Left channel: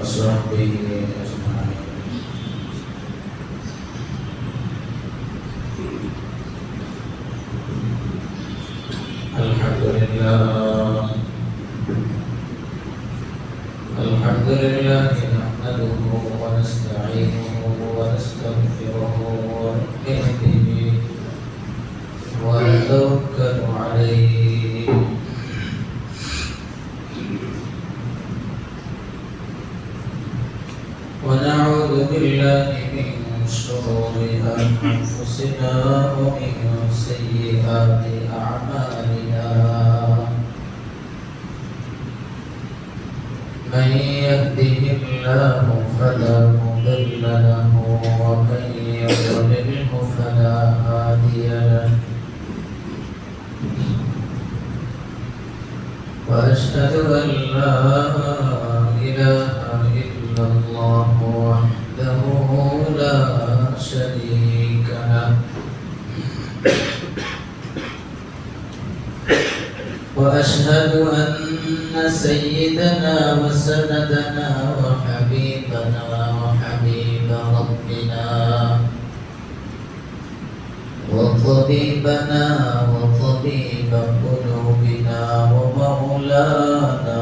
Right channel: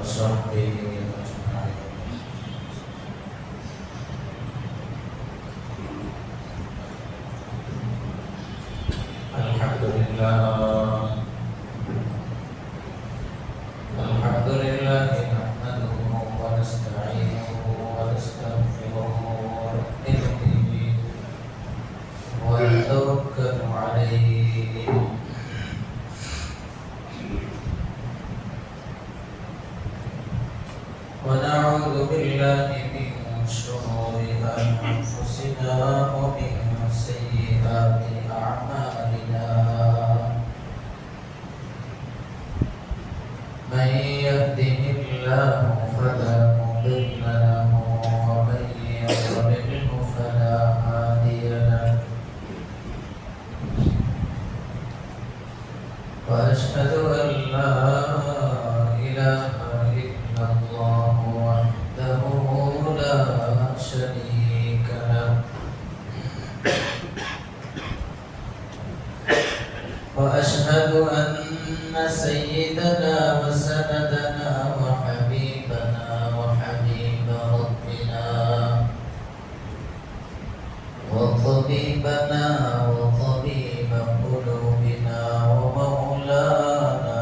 وصحبه أجمعين. الحمد لله نحمده ونستعينه ونستغفره ونؤمن به ونتوكل عليه ونعوذ بالله من شرور أنفسنا ومن سيئات أعمالنا. من يهده الله فلا مضل له ومن يضلله فلا هادي له. وأشهد أن لا إله إلا الله وحده لا شريك له. وأشهد أن سيدنا وسندنا وحبيبنا وحبيب ربنا وطبيبنا وطبيب قلوبنا ومولانا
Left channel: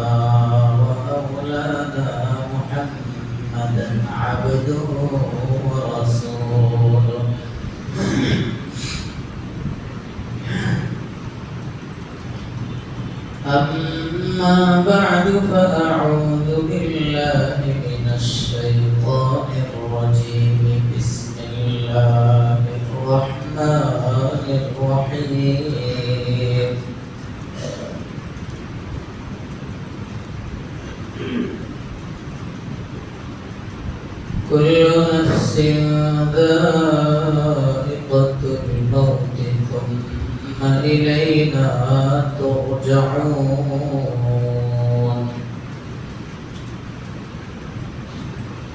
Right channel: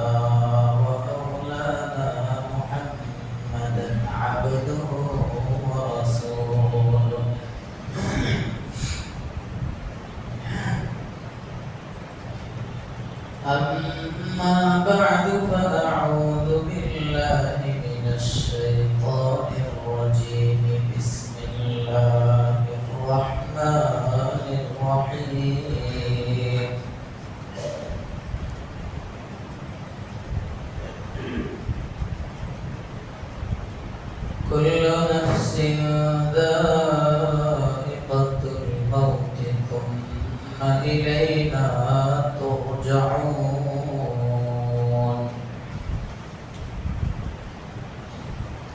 ومولانا محمدا عبده ورسوله. أما بعد فأعوذ بالله من الشيطان الرجيم. بسم الله الرحمن الرحيم. كل نفس ذائقة الموت ثم إلينا ترجعون.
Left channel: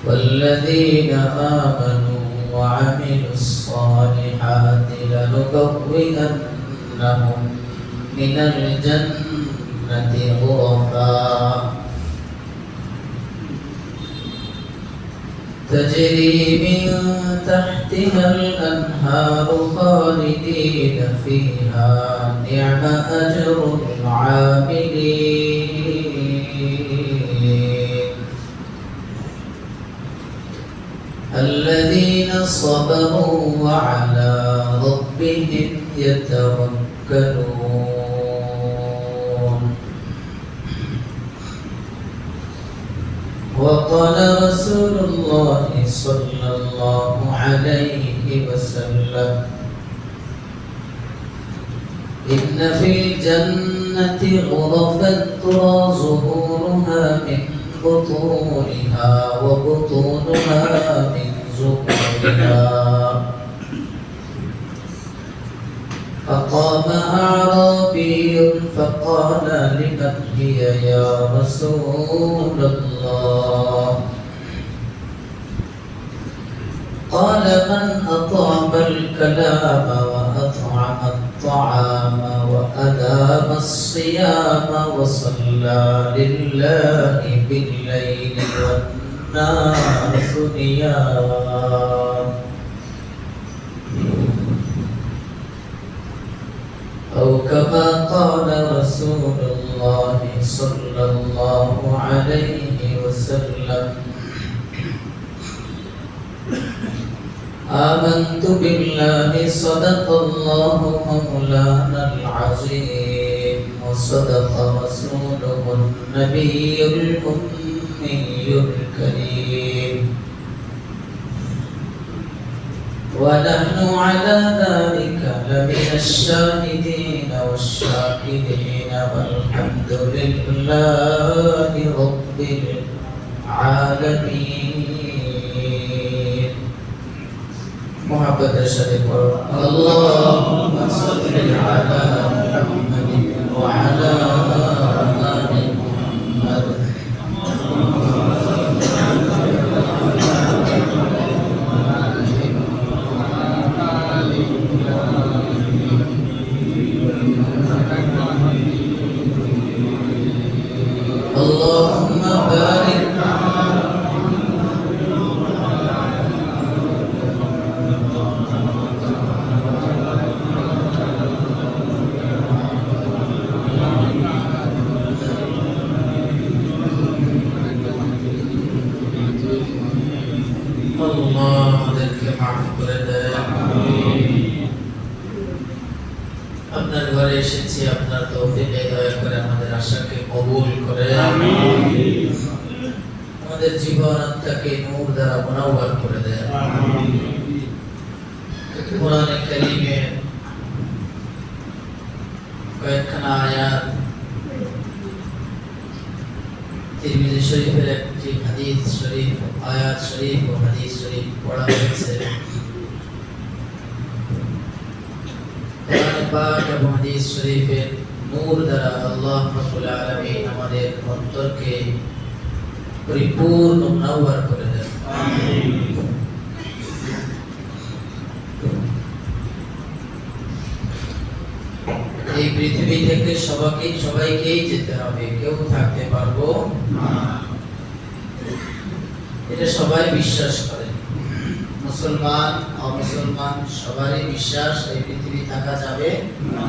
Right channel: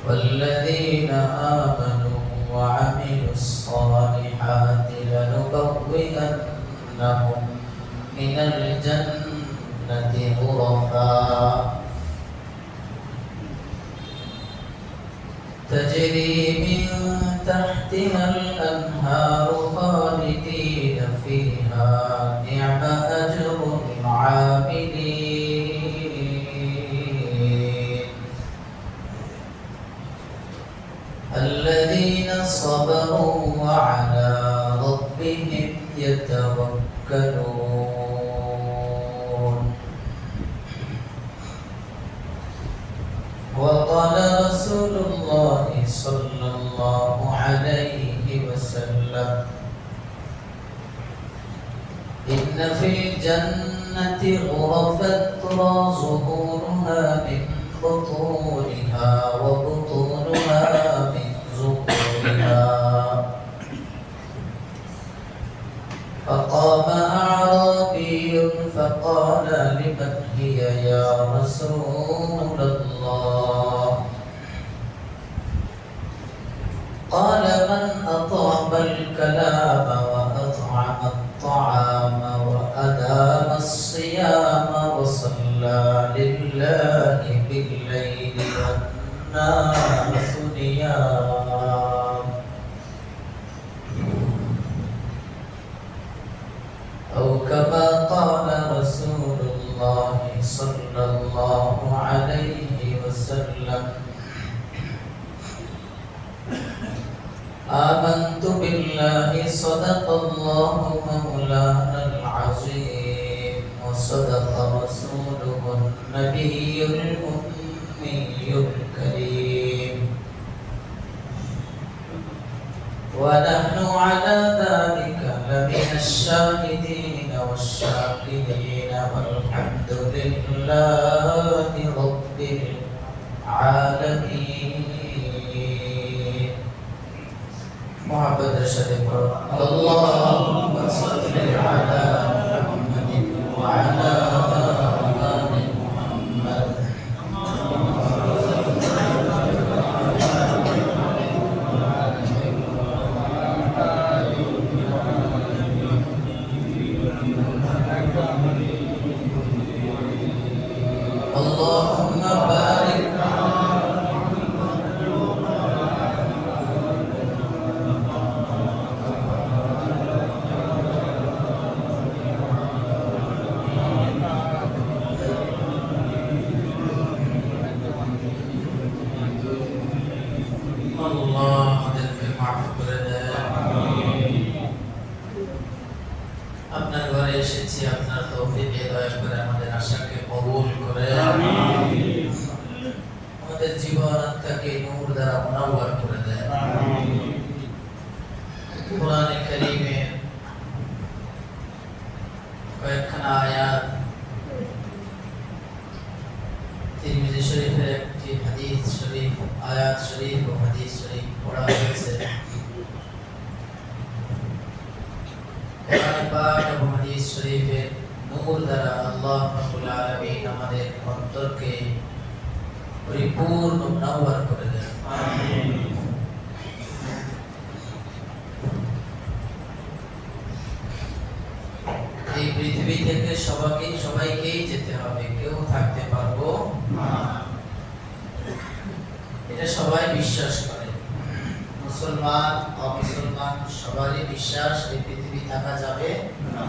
والذين آمنوا وعملوا الصالحات لنبوئنهم من الجنة غرفا تجري من تحتها الأنهار خالدين فيها. نعم أجر العاملين الذين صبروا وعلى ربهم يتوكلون. وقال رسول الله صلى الله عليه وسلم: إن في الجنة غرفا ترى ظهورها من بطونها وبطونها من ظهورها. فقام أعرابي فقال: لمن هي يا رسول الله؟ قال: من أطعم الكلام وأطعم الطعام وأدام الصيام وصلى لله بالليل والناس نيام. أو كما قال رسول الله صلى الله عليه وسلم: آمنت بالله صدق الله مولانا العظيم وصدق رسوله النبي الأمي الكريم. ونحن على ذلك لمن الشاهدين والشاكرين والحمد لله رب العالمين. محبت الشريف اللهم صل على محمد وعلى آل محمد. اللهم بارك দ্বারা মুনাওয়ার করে দেয়। কোরআনে কারীমের কয়েকখানা আয়াত, তিরমিজি শরীফের একটি হাদিস শরীফ, আয়াত শরীফ ও হাদিস শরীফ পড়া হয়েছে। কোরআন পাক এবং হাদিস শরীফের নূর দ্বারা আল্লাহ রাব্বুল আলামিন আমাদের অন্তরকে পরিপূর্ণ মুনাওয়ার করে দেন। আমিন। এই পৃথিবী থেকে সবাইকেই যেতে হবে, কেউ থাকতে পারবো না, এটা সবাই বিশ্বাস করে। মুসলমান অমুসলমান সবারই বিশ্বাস এই পৃথিবী থাকা যাবে না।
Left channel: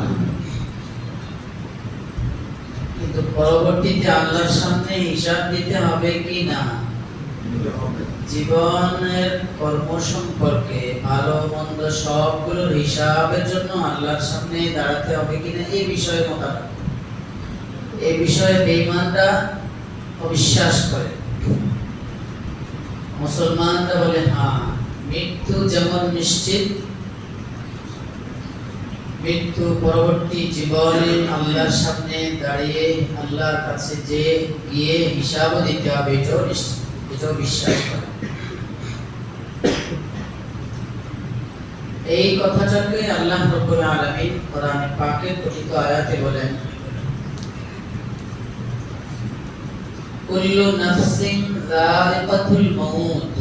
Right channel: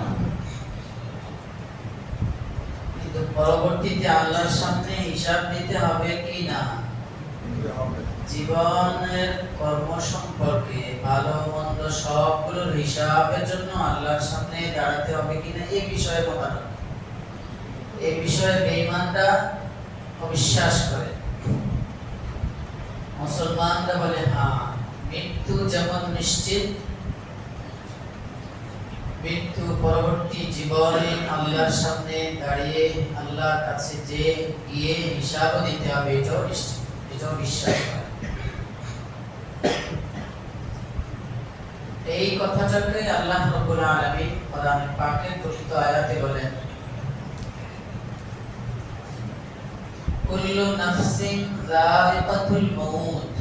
কিন্তু পরবর্তীতে আল্লাহর সামনে হিসাব দিতে হবে কি না, জীবনের কর্ম সম্পর্কে ভালো মন্দ সবগুলোর হিসাবের জন্য আল্লাহর সামনে দাঁড়াতে হবে কিনা, এই বিষয়ে মতামত। এই বিষয়ে বেঈমানরা অবিশ্বাস করে, মুসলমানরা বলে হ্যাঁ, মৃত্যু যেমন নিশ্চিত, মৃত্যু পরবর্তী জীবনে আল্লাহর সামনে দাঁড়িয়ে আল্লাহর কাছে যে গিয়ে হিসাব দিতে হবে, এটাও নিশ্চিত, এটাও বিশ্বাস করে। এই কথাটাকে আল্লাহ রাব্বুল আলামিন কোরআনে পাকের কথিত আয়াতে বলেন, কুল্লু নাফসিন যায়িকাতুল মাউত,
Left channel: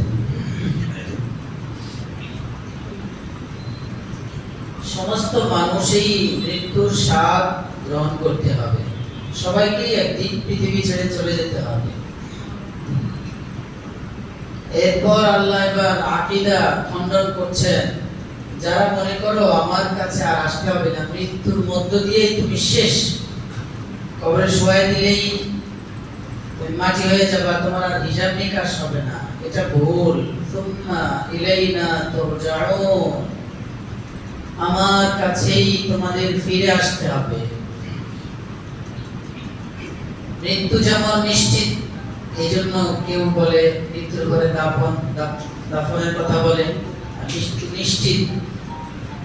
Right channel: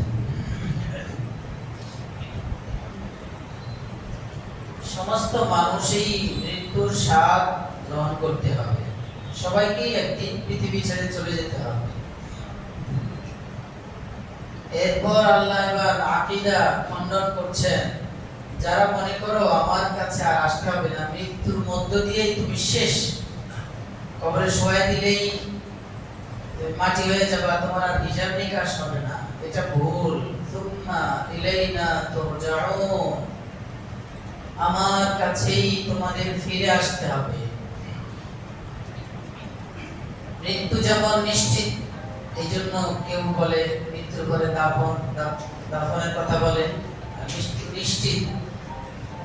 সমস্ত মানুষই মৃত্যুর স্বাদ গ্রহণ করতে হবে, সবাইকে একদিন পৃথিবী ছেড়ে চলে যেতে হবে। এরপর আল্লাহ এবার আকীদা খণ্ডন করছেন, যারা মনে করো আমার কাছে আর আসতে হবে না, মৃত্যুর মধ্য দিয়েই তুমি শেষ, কবরে শোয়াই দিলেই মাটি হয়ে যাবে, তোমার আর হিসাব নিকাশ হবে না, এটা ভুল। সুম্মা ইলাইনা তুরজাউন, আমার কাছেই তোমাদের ফিরে আসতে হবে। মৃত্যু যেমন নিশ্চিত, এই জন্য কেউ বলে মৃত্যুর পরে দাফনের কথা বলে, মৃত্যু নিশ্চিত,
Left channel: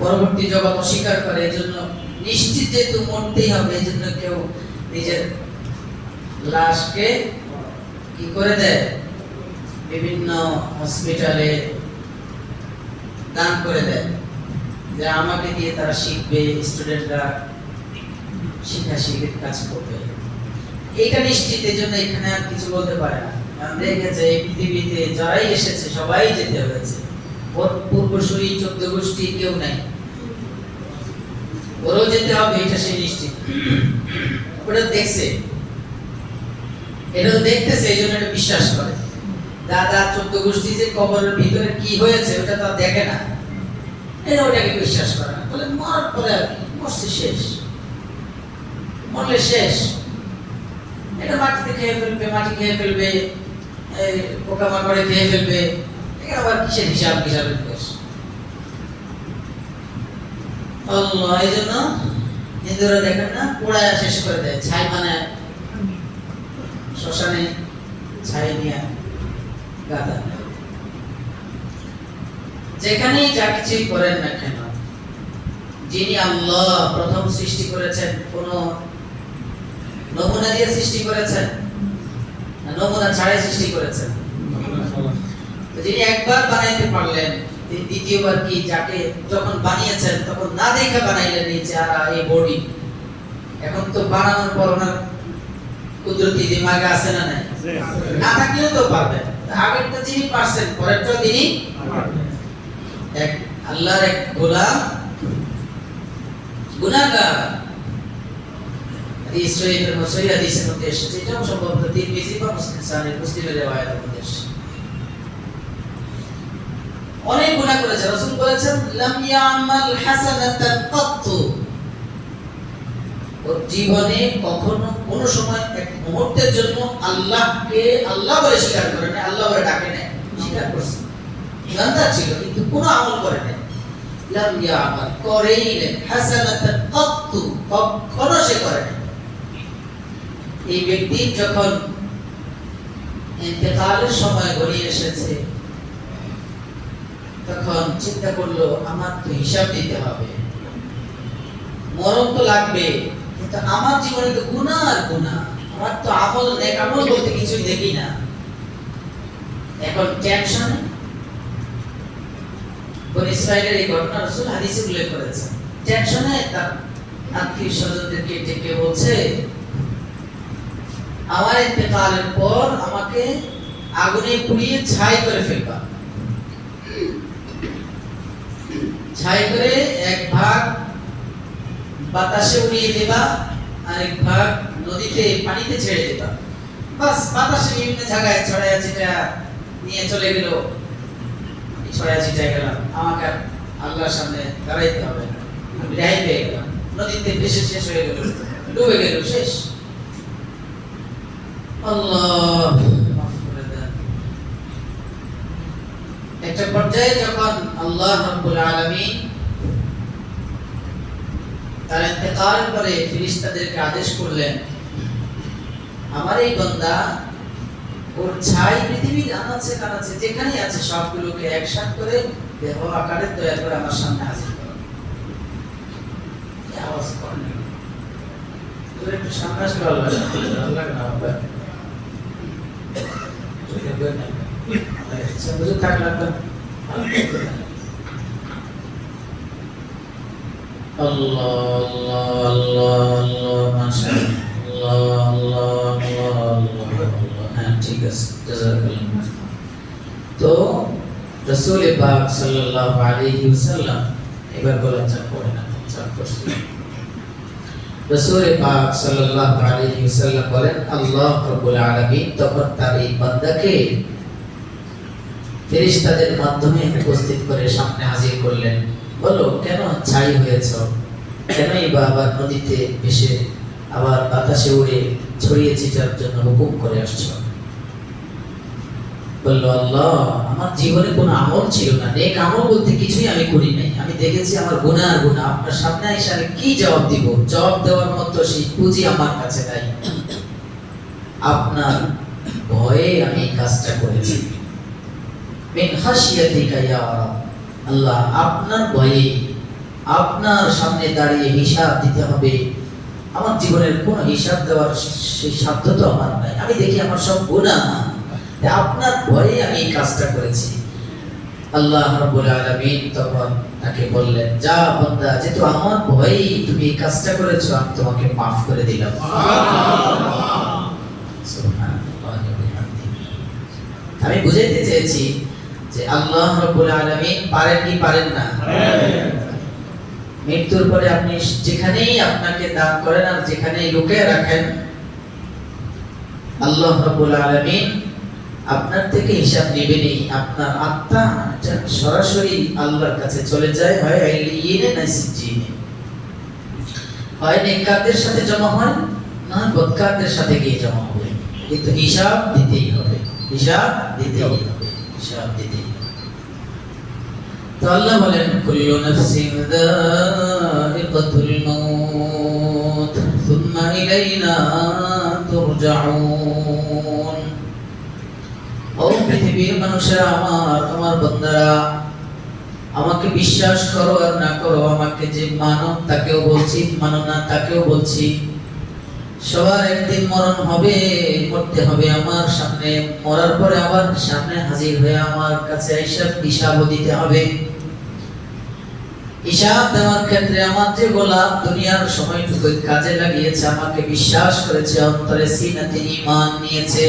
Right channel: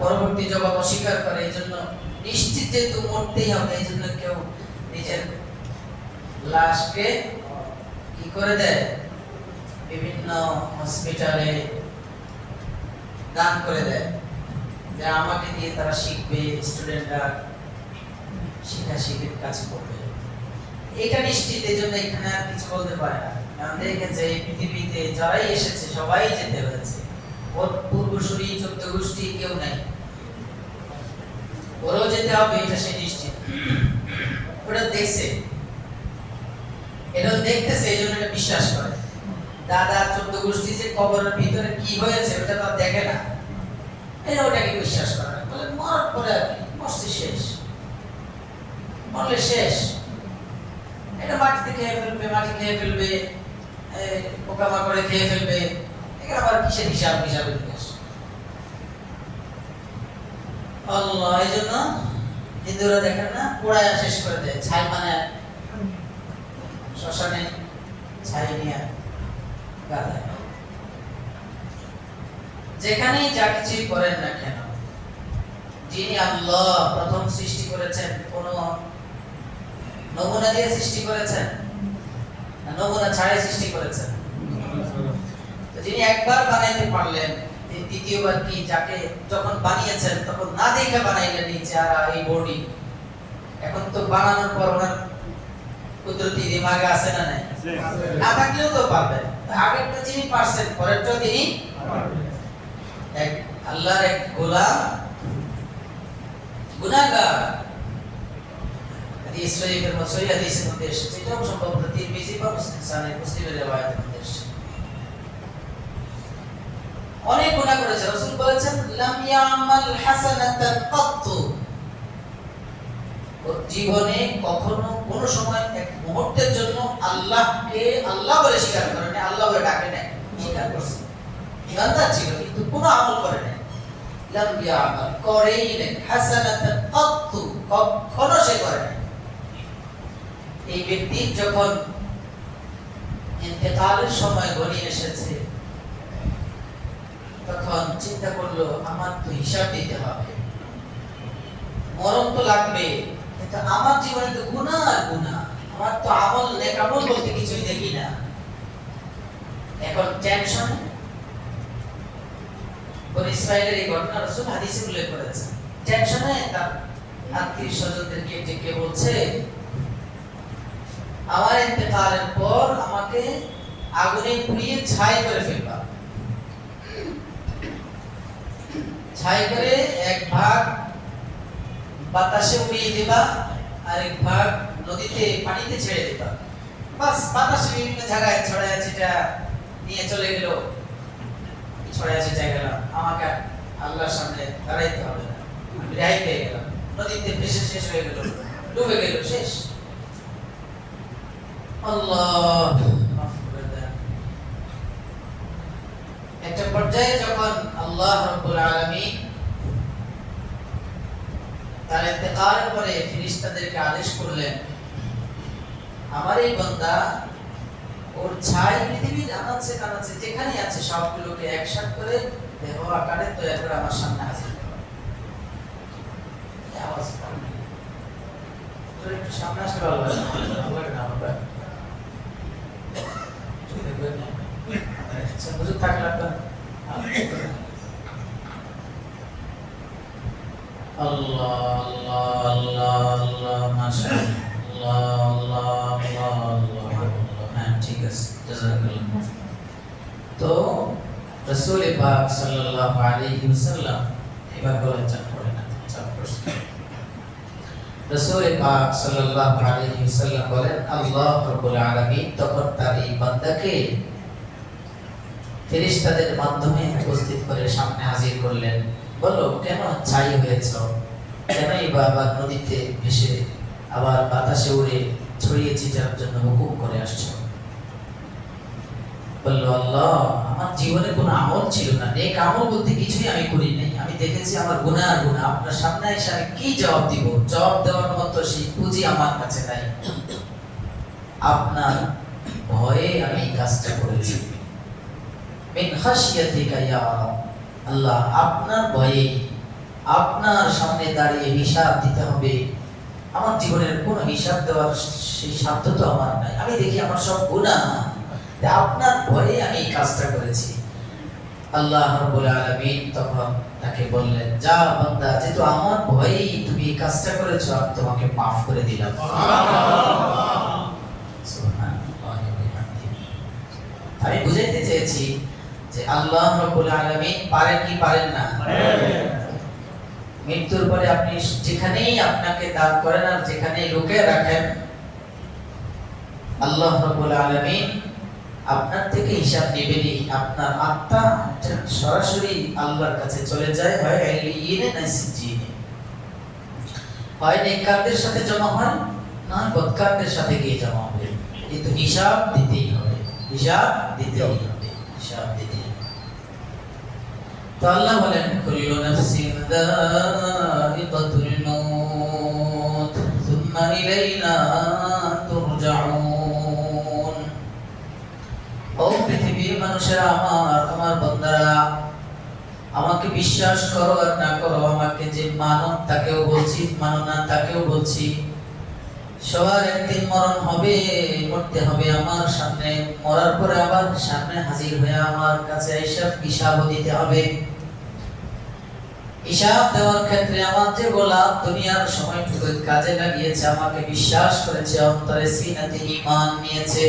পরবর্তী জগৎ অস্বীকার করে, এই জন্য নিশ্চিত যেহেতু মরতেই হবে, এই জন্য কেউ নিজের লাশকে কি করে দেয়, বিভিন্ন হসপিটালে দান করে দেয়, যে আমাকে দিয়ে তারা শিখবে, স্টুডেন্টরা শিখাশিখির কাজ করবে। এটা নিশ্চিত, এই জন্য এখানে আর কিছু বলতে পারে না, কারণ দেখেছে এই পৃথিবীতে যারাই এসেছে সবাই যেতে হয়েছে, ওর পূর্বসূরি 14 গোষ্ঠী কেউ নাই, ওরও যেতে হবে, এটা সে নিশ্চিত। ওটা দেখছে, এটা তো দেখতেছে, এই জন্য এটা বিশ্বাস করে। দাদা 14 গোষ্ঠী যে কবরের ভিতরে কি হয়েছে ওটা তো দেখে না, এটা ওটাকে বিশ্বাস করে না, বলে মরার পরে আর কি, মরছে শেষ, মরলে শেষ, এটা মাটিতে খেয়ে ফেলবে, মাটি খেয়ে ফেলবে, পোকামাকড়ে খেয়ে ফেলবে, এটা আবার কিসের হিসাব নিকাশ। আল্লাহ এই জন্য হিন্দুরা দেখেন না, পোড়ায় শেষ করে দেয়, ছাই বানায়, শ্মশানে ছাই নিয়ে গাদা। যেখানেই যা কিছুই করেন না কেন, যিনি আল্লাহ প্রথম সৃষ্টি করেছেন, কোন নমুনা দিয়ে সৃষ্টি করেছেন না নমুনা ছাড়াই সৃষ্টি করেছেন? যিনি একবার বানাইতে পারলেন, দ্বিতীয়বার কি যাকে যখন বানিয়েছেন তখন না দেখে বানাইলেন এই চেহারা, এই বডি, এখন তো বানানোর পর ওনার কুদরতি দিমাগে আছে না নাই? না থাকলেও তো পারবেন, আগেরটা যিনি পারছেন পরেরটাও তিনি এক আল্লাহর এক গোলাম গুনাহগার। হাদিস শরীফের মধ্যে হাদিসের মধ্যে এসেছে, এটাও সম্ভবত তিরমিজি বা মুসলিমের রিওয়ায়াতের মধ্যে এসেছে। অনেক গুনাহ করেছে, রাসূল বলেছেন লাম ইয়ামাল হাসানাতান কাত্তু, ওর জীবনে কখনো কোনো সময় এক মুহূর্তের জন্য আল্লাহকে আল্লাহ বলে স্বীকার করে না, আল্লাহ বলে ডাকে না, স্বীকার করছে, জানতার ছিল কিন্তু কোনো আমল করে না। লাম ইয়ামাল, করেই না, হাসানাতান কাত্তু, কখনো সে করে না। এই ব্যক্তির যখন ইন্তেকালের সময় ঘনিয়ে এসেছে, তখন চিন্তা করলো আমার তো হিসাব দিতে হবে, মরণ তো লাগবে, কিন্তু আমার জীবনে তো গুনাহ আর গুনাহ, আমার তো আমল নেক আমল বলতে কিছু দেখি না। এখন টেনশন, বনি ইসরাইলের এই ঘটনা রাসূল হাদিসে উল্লেখ করেছেন। টেনশনে তার আত্মীয় স্বজনদেরকে ডেকে বলছে, আমার ইন্তেকালের পর আমাকে আগুনে পুড়িয়ে ছাই করে ফেলবা, ছাই করে এক ভাগ বাতাসে উড়িয়ে দিবা, আর এক ভাগ নদীতে পানিতে ছেড়ে দিবা। বাস বাতাসে বিভিন্ন জায়গায় ছড়ায় ছিটা নিয়ে চলে গেল, ছড়ায় ছিটায় গেলাম, আমাকে আল্লাহর সামনে দাঁড়াইতে হবে না, আমি রেহাই পেয়ে গেলাম, নদীতে ভেসে শেষ হয়ে গেল, ডুবে গেল, শেষ। আল্লাহ মাফ করে দেন। একটা পর্যায়ে যখন আল্লাহ রাব্বুল আলামিন তার ইন্তেকালের পরে ফেরেশতাদেরকে আদেশ করলেন, আমার এই বান্দা ওর ছাই পৃথিবীর আনাচে কানাচে যেখানে আছে সবগুলোকে একসাথে করে দেহ আকারে দয়া করে আমার সামনে হাজির করো। আওয়াজ করেন তোর একটু সামনে আসলে ভালো হয়, আল্লাহ না হবে বুঝে থাকলাম তো। আল্লাহ আল্লাহ আল্লাহ আল্লাহ মাশাআল্লাহ আল্লাহ আল্লাহ আল্লাহ। হ্যাঁ ঠিক আছে, জাযাকাল্লাহ। তো রাসূল পাক সাল্লাল্লাহু আলাইহি ওয়াসাল্লাম এবার বলেন চাপ পড়ে না, চাপ করছে। রাসূল পাক সাল্লাল্লাহু আলাইহি ওয়াসাল্লাম বলেন, আল্লাহ রাব্বুল আলামিন তখন তার এই বান্দাকে ফেরেশতাদের মাধ্যমে উপস্থিত করে সামনে হাজির করলেন। বলো কেন ছাই হয়েছ, কেনই বা আবার নদীতে ভেসে আবার বাতাসে উড়ে ছড়িয়ে ছিটার জন্য হুকুম করে আসছো? বলল, আল্লাহ আমার জীবনে কোনো আমল ছিল না, নেক আমল বলতে কিছুই আমি করি নাই, আমি দেখেছি আমার গুনাহ আর গুনাহ, আপনার সামনে এসে আমি কি জবাব দিব? জবাব দেওয়ার মতো সেই পুঁজি আমার কাছে নাই, আপনার ভয়ে আমি কাজটা করেছি। মিন খাশিয়াতিকা ইয়া রাব, আল্লাহ আপনার ভয়ে আপনার সামনে দাঁড়িয়ে হিসাব দিতে হবে, আমার জীবনের কোনো হিসাব দেওয়ার সেই সাধ্য তো আমার নাই, আমি দেখি আমার সব গুনাহ, আপনার ভয়ে আমি এই কাজটা করেছি। আল্লাহ রাব্বুল আলামিন তখন তাকে বললেন, যা বান্দা, যেহেতু আমার ভয়ে তুমি এই কাজটা করেছো, আমি তোমাকে মাফ করে দিলাম। আমি বুঝাইতে চেয়েছি যে আল্লাহ রাব্বুল আলামিন পারেন কি পারেন না? মৃত্যুর পরে আপনি যেখানেই আপনাকে দান করেন আর যেখানেই লুকিয়ে রাখেন, আল্লাহ রাব্বুল আলামিন আপনার থেকে হিসাব নেবেনই। আপনার আত্মা সরাসরি আল্লাহর কাছে চলে যায়, হয় ইলিয়িনে না সিজ্জিনে, হয় নেককারদের সাথে জমা হয়, না হয় বদকারদের সাথে গিয়ে জমা হবে, কিন্তু হিসাব দিতেই হবে, হিসাব দিতেই হবে, হিসাব দিতেই হবে। তো আল্লাহ বলেন, কুল্লু নাফসিন যায়িকাতুল মাউত সুম্মা ইলাইনা তুরজাউন। ও পৃথিবীর মানুষেরা, আমার বান্দারা, আমাকে বিশ্বাস করো আর না করো, আমাকে যে মানো তাকেও বলছি, মানো না তাকেও বলছি, সবার একদিন মরণ হবে, মরতে হবে আমার সামনে, মরার পরে আবার সামনে হাজির হয়ে আমার কাছে হিসাব দিতে হবে। হিসাব দেওয়ার ক্ষেত্রে আমার যে গোলাম দুনিয়ার সময়টুকু কাজে লাগিয়েছে, আমাকে বিশ্বাস করেছে, অন্তরে সিনাতে ঈমান নিয়েছে,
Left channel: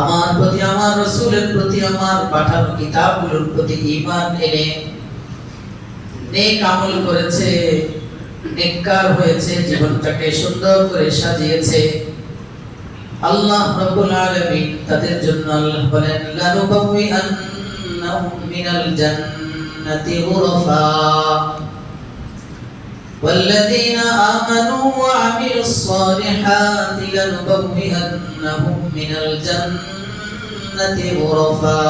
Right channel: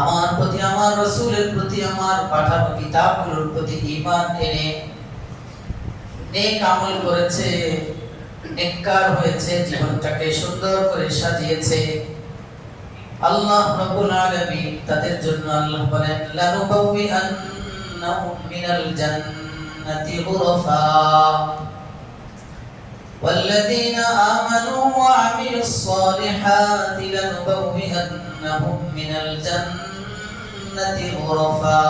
আমার প্রতি, আমার রাসূলের প্রতি, আমার পাঠানো কিতাবগুলোর প্রতি ঈমান এনে নেক আমল করেছে, নেককার হয়েছে, জীবনটাকে সুন্দর করে সাজিয়েছে, আল্লাহ রাব্বুল আলামিন তাদের জন্য আল্লাহ বলেন, লানুবাউইআন্নাহুম মিনাল জান্নাতি গুরফা والذين آمنوا وعملوا الصالحات لنبوئنهم من الجنة غرفا।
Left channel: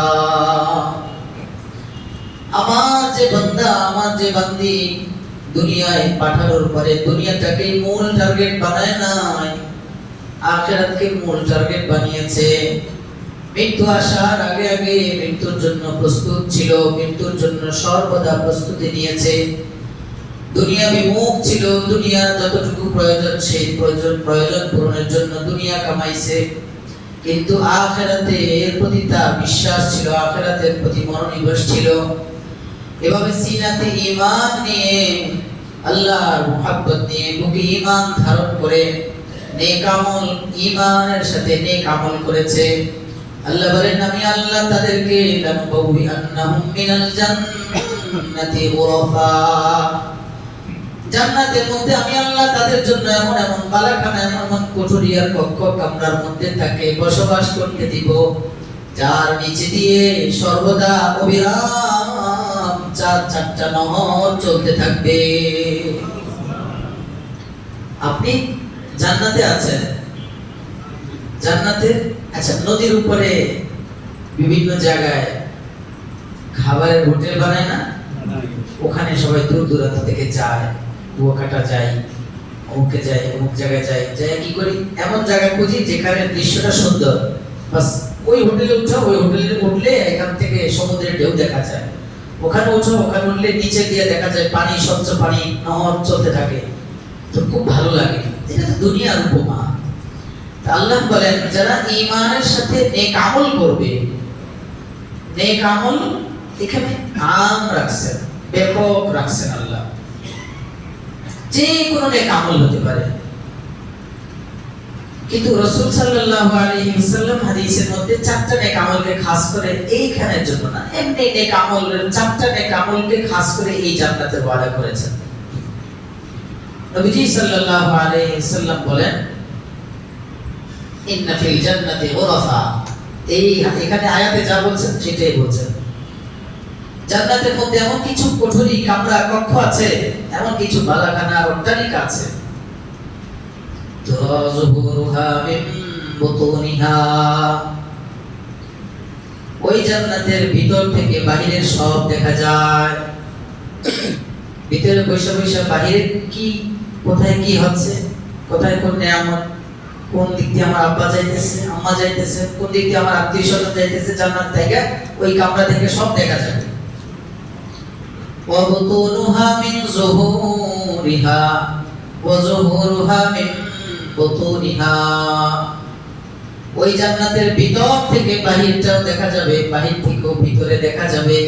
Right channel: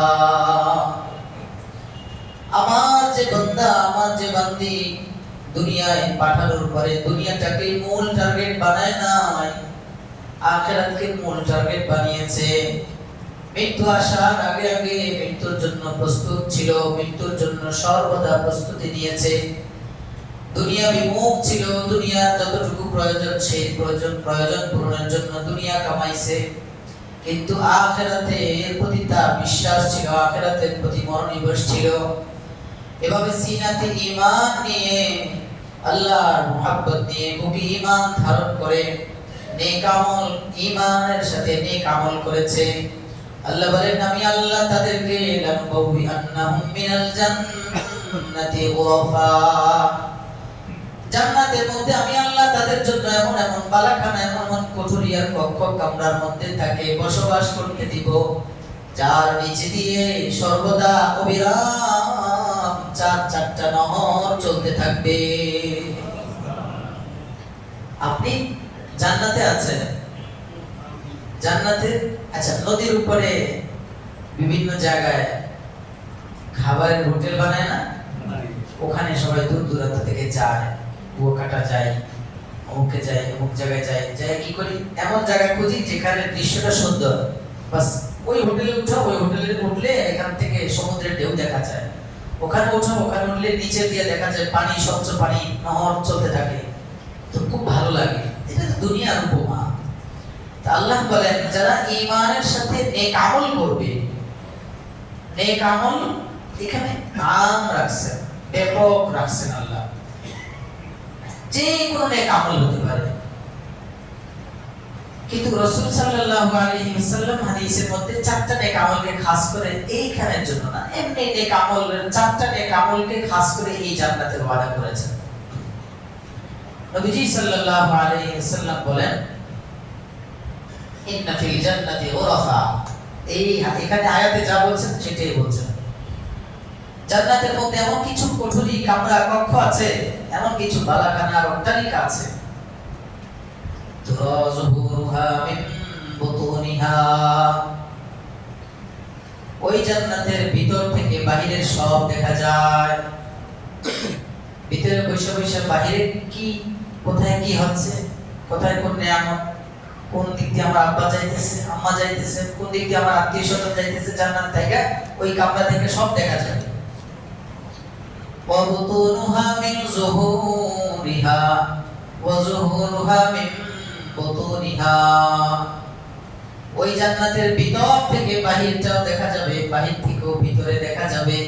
আমার যে বান্দা, আমার যে বান্দি দুনিয়ায় পাঠানোর পরে দুনিয়াটাকে মূল টার্গেট বানায় নাই, আখিরাতকে মূল টার্গেট বানিয়েছে। মৃত্যু আসার আগে আগে মৃত্যুর জন্য প্রস্তুত ছিল, মৃত্যুর জন্য সর্বদা প্রস্তুতি নিয়েছে। দুনিয়া বিমুখ ছিল, দুনিয়া যতটুকু প্রয়োজন সেই প্রয়োজন পূরণের জন্য দুনিয়া কামাইছে, কিন্তু আখিরাতের প্রতি তার বিশ্বাস ছিল, আখিরাতের প্রতি মনোনিবেশ ছিল। এভাবে সিনাতে ঈমান নিয়ে, আল্লাহর মুহাব্বত নিয়ে, বুকে ঈমান ধারণ করে নেক আমল, ঈমানের সাথে নেক আমল করেছে। আল্লাহ বলেন, আমি আল্লাহ তাদেরকে লানবাউই আন্নাহুম মিনাল জান্নাতি গুরাফা, জান্নাতের মধ্যে আমি আল্লাহ তাদের জন্য এমন এমন বালাখানা, এমন কোঠরি আর কক্ষ কামরার মধ্যে তাকে বসবাস করতে দিব, যার নিচে দিয়ে সর্বদা অবিরাম চারটা নহর চলতে থাকবে। আপনি জান্নাতে আছেন, জান্নাতে আচ্ছা, নদীর উপরে বিভিন্ন জায়গায় খাবারের হোটেল বানায় না, ওখানে সবাই দূর দূরান্ত থেকে যায়, কুয়াকাটা যায়, অমুকে যায়, অমুক জায়গায় যায়, যায় কি করি, এমন জায়গা খুঁজি যেখানে দৃশ্যটা সুন্দর, বাস ওই হোটেলে উঠা, ওই হোটেলে উঠলে এখান থেকে সমুদ্রের ঢেউ দেখা যায়, ওখানে উঠো, ওখানে উঠলে নিচে দিয়ে দেখা যায় পানি, স্বচ্ছ পানি, নহর চলতে থাকে, তো খুব ভালো লাগে। এটা তো দুনিয়ার উপমা। আল্লাহ বলেন, যারা ঈমানের সাথে নেক আমল করবে, নেক আমল এখানে আম রাখছেন, ব্যাপক রাখছেন আল্লাহ, যে কোনো নেক আমল হতে পারে। কিন্তু রাসূল সাল্লাল্লাহু আলাইহি ওয়াসাল্লাম হাদিসের মধ্যে চারটা নেক আমলকে খাস করে এইখানের জন্য না, এমনি নেক আমল, চারটা নেক আমলকে খাস করে এই জান্নাতের ওয়াদা করেছেন। নবীজি সাল্লাল্লাহু আলাইহি ওয়াসাল্লাম বলেন, ইন্না ফিল জান্নাতি গুরাফা, এই এখানে আয়াতে যা বলছেন সেটাই বলছেন। জান্নাতের মধ্যে এমন কিছু কোঠরি, কামরা, কক্ষ আছে, এমন কিছু বালাখানা, অট্টালিকা আছে, তুরাজুহুরুহা মিন বুতুনিহা, ওই জান্নাতের ভিতর থেকে বাহিরের সব দেখা যায়। ভিতরে বসে বসে বাহিরে কি, কোথায় কি হচ্ছে, কোথায় কোন নিয়ামত, কোন দিক দিয়ে আমার আব্বা যাইতেছে, আম্মা যাইতেছে, কোন দিক দিয়ে আমার আত্মীয় স্বজন যাইতেছে, জান্নাত থেকে ওই কামরা থেকে সব দেখা যাবে। ওয়া বুতুনুহা মিন যুহুরিহা ওয়া যুহুরুহা মিন বুতুনিহা, ওই জান্নাতের ভিতর থেকে বাহিরটাও দেখা যাবে, বাহির থেকেও ভিতরে দেখা যাবে।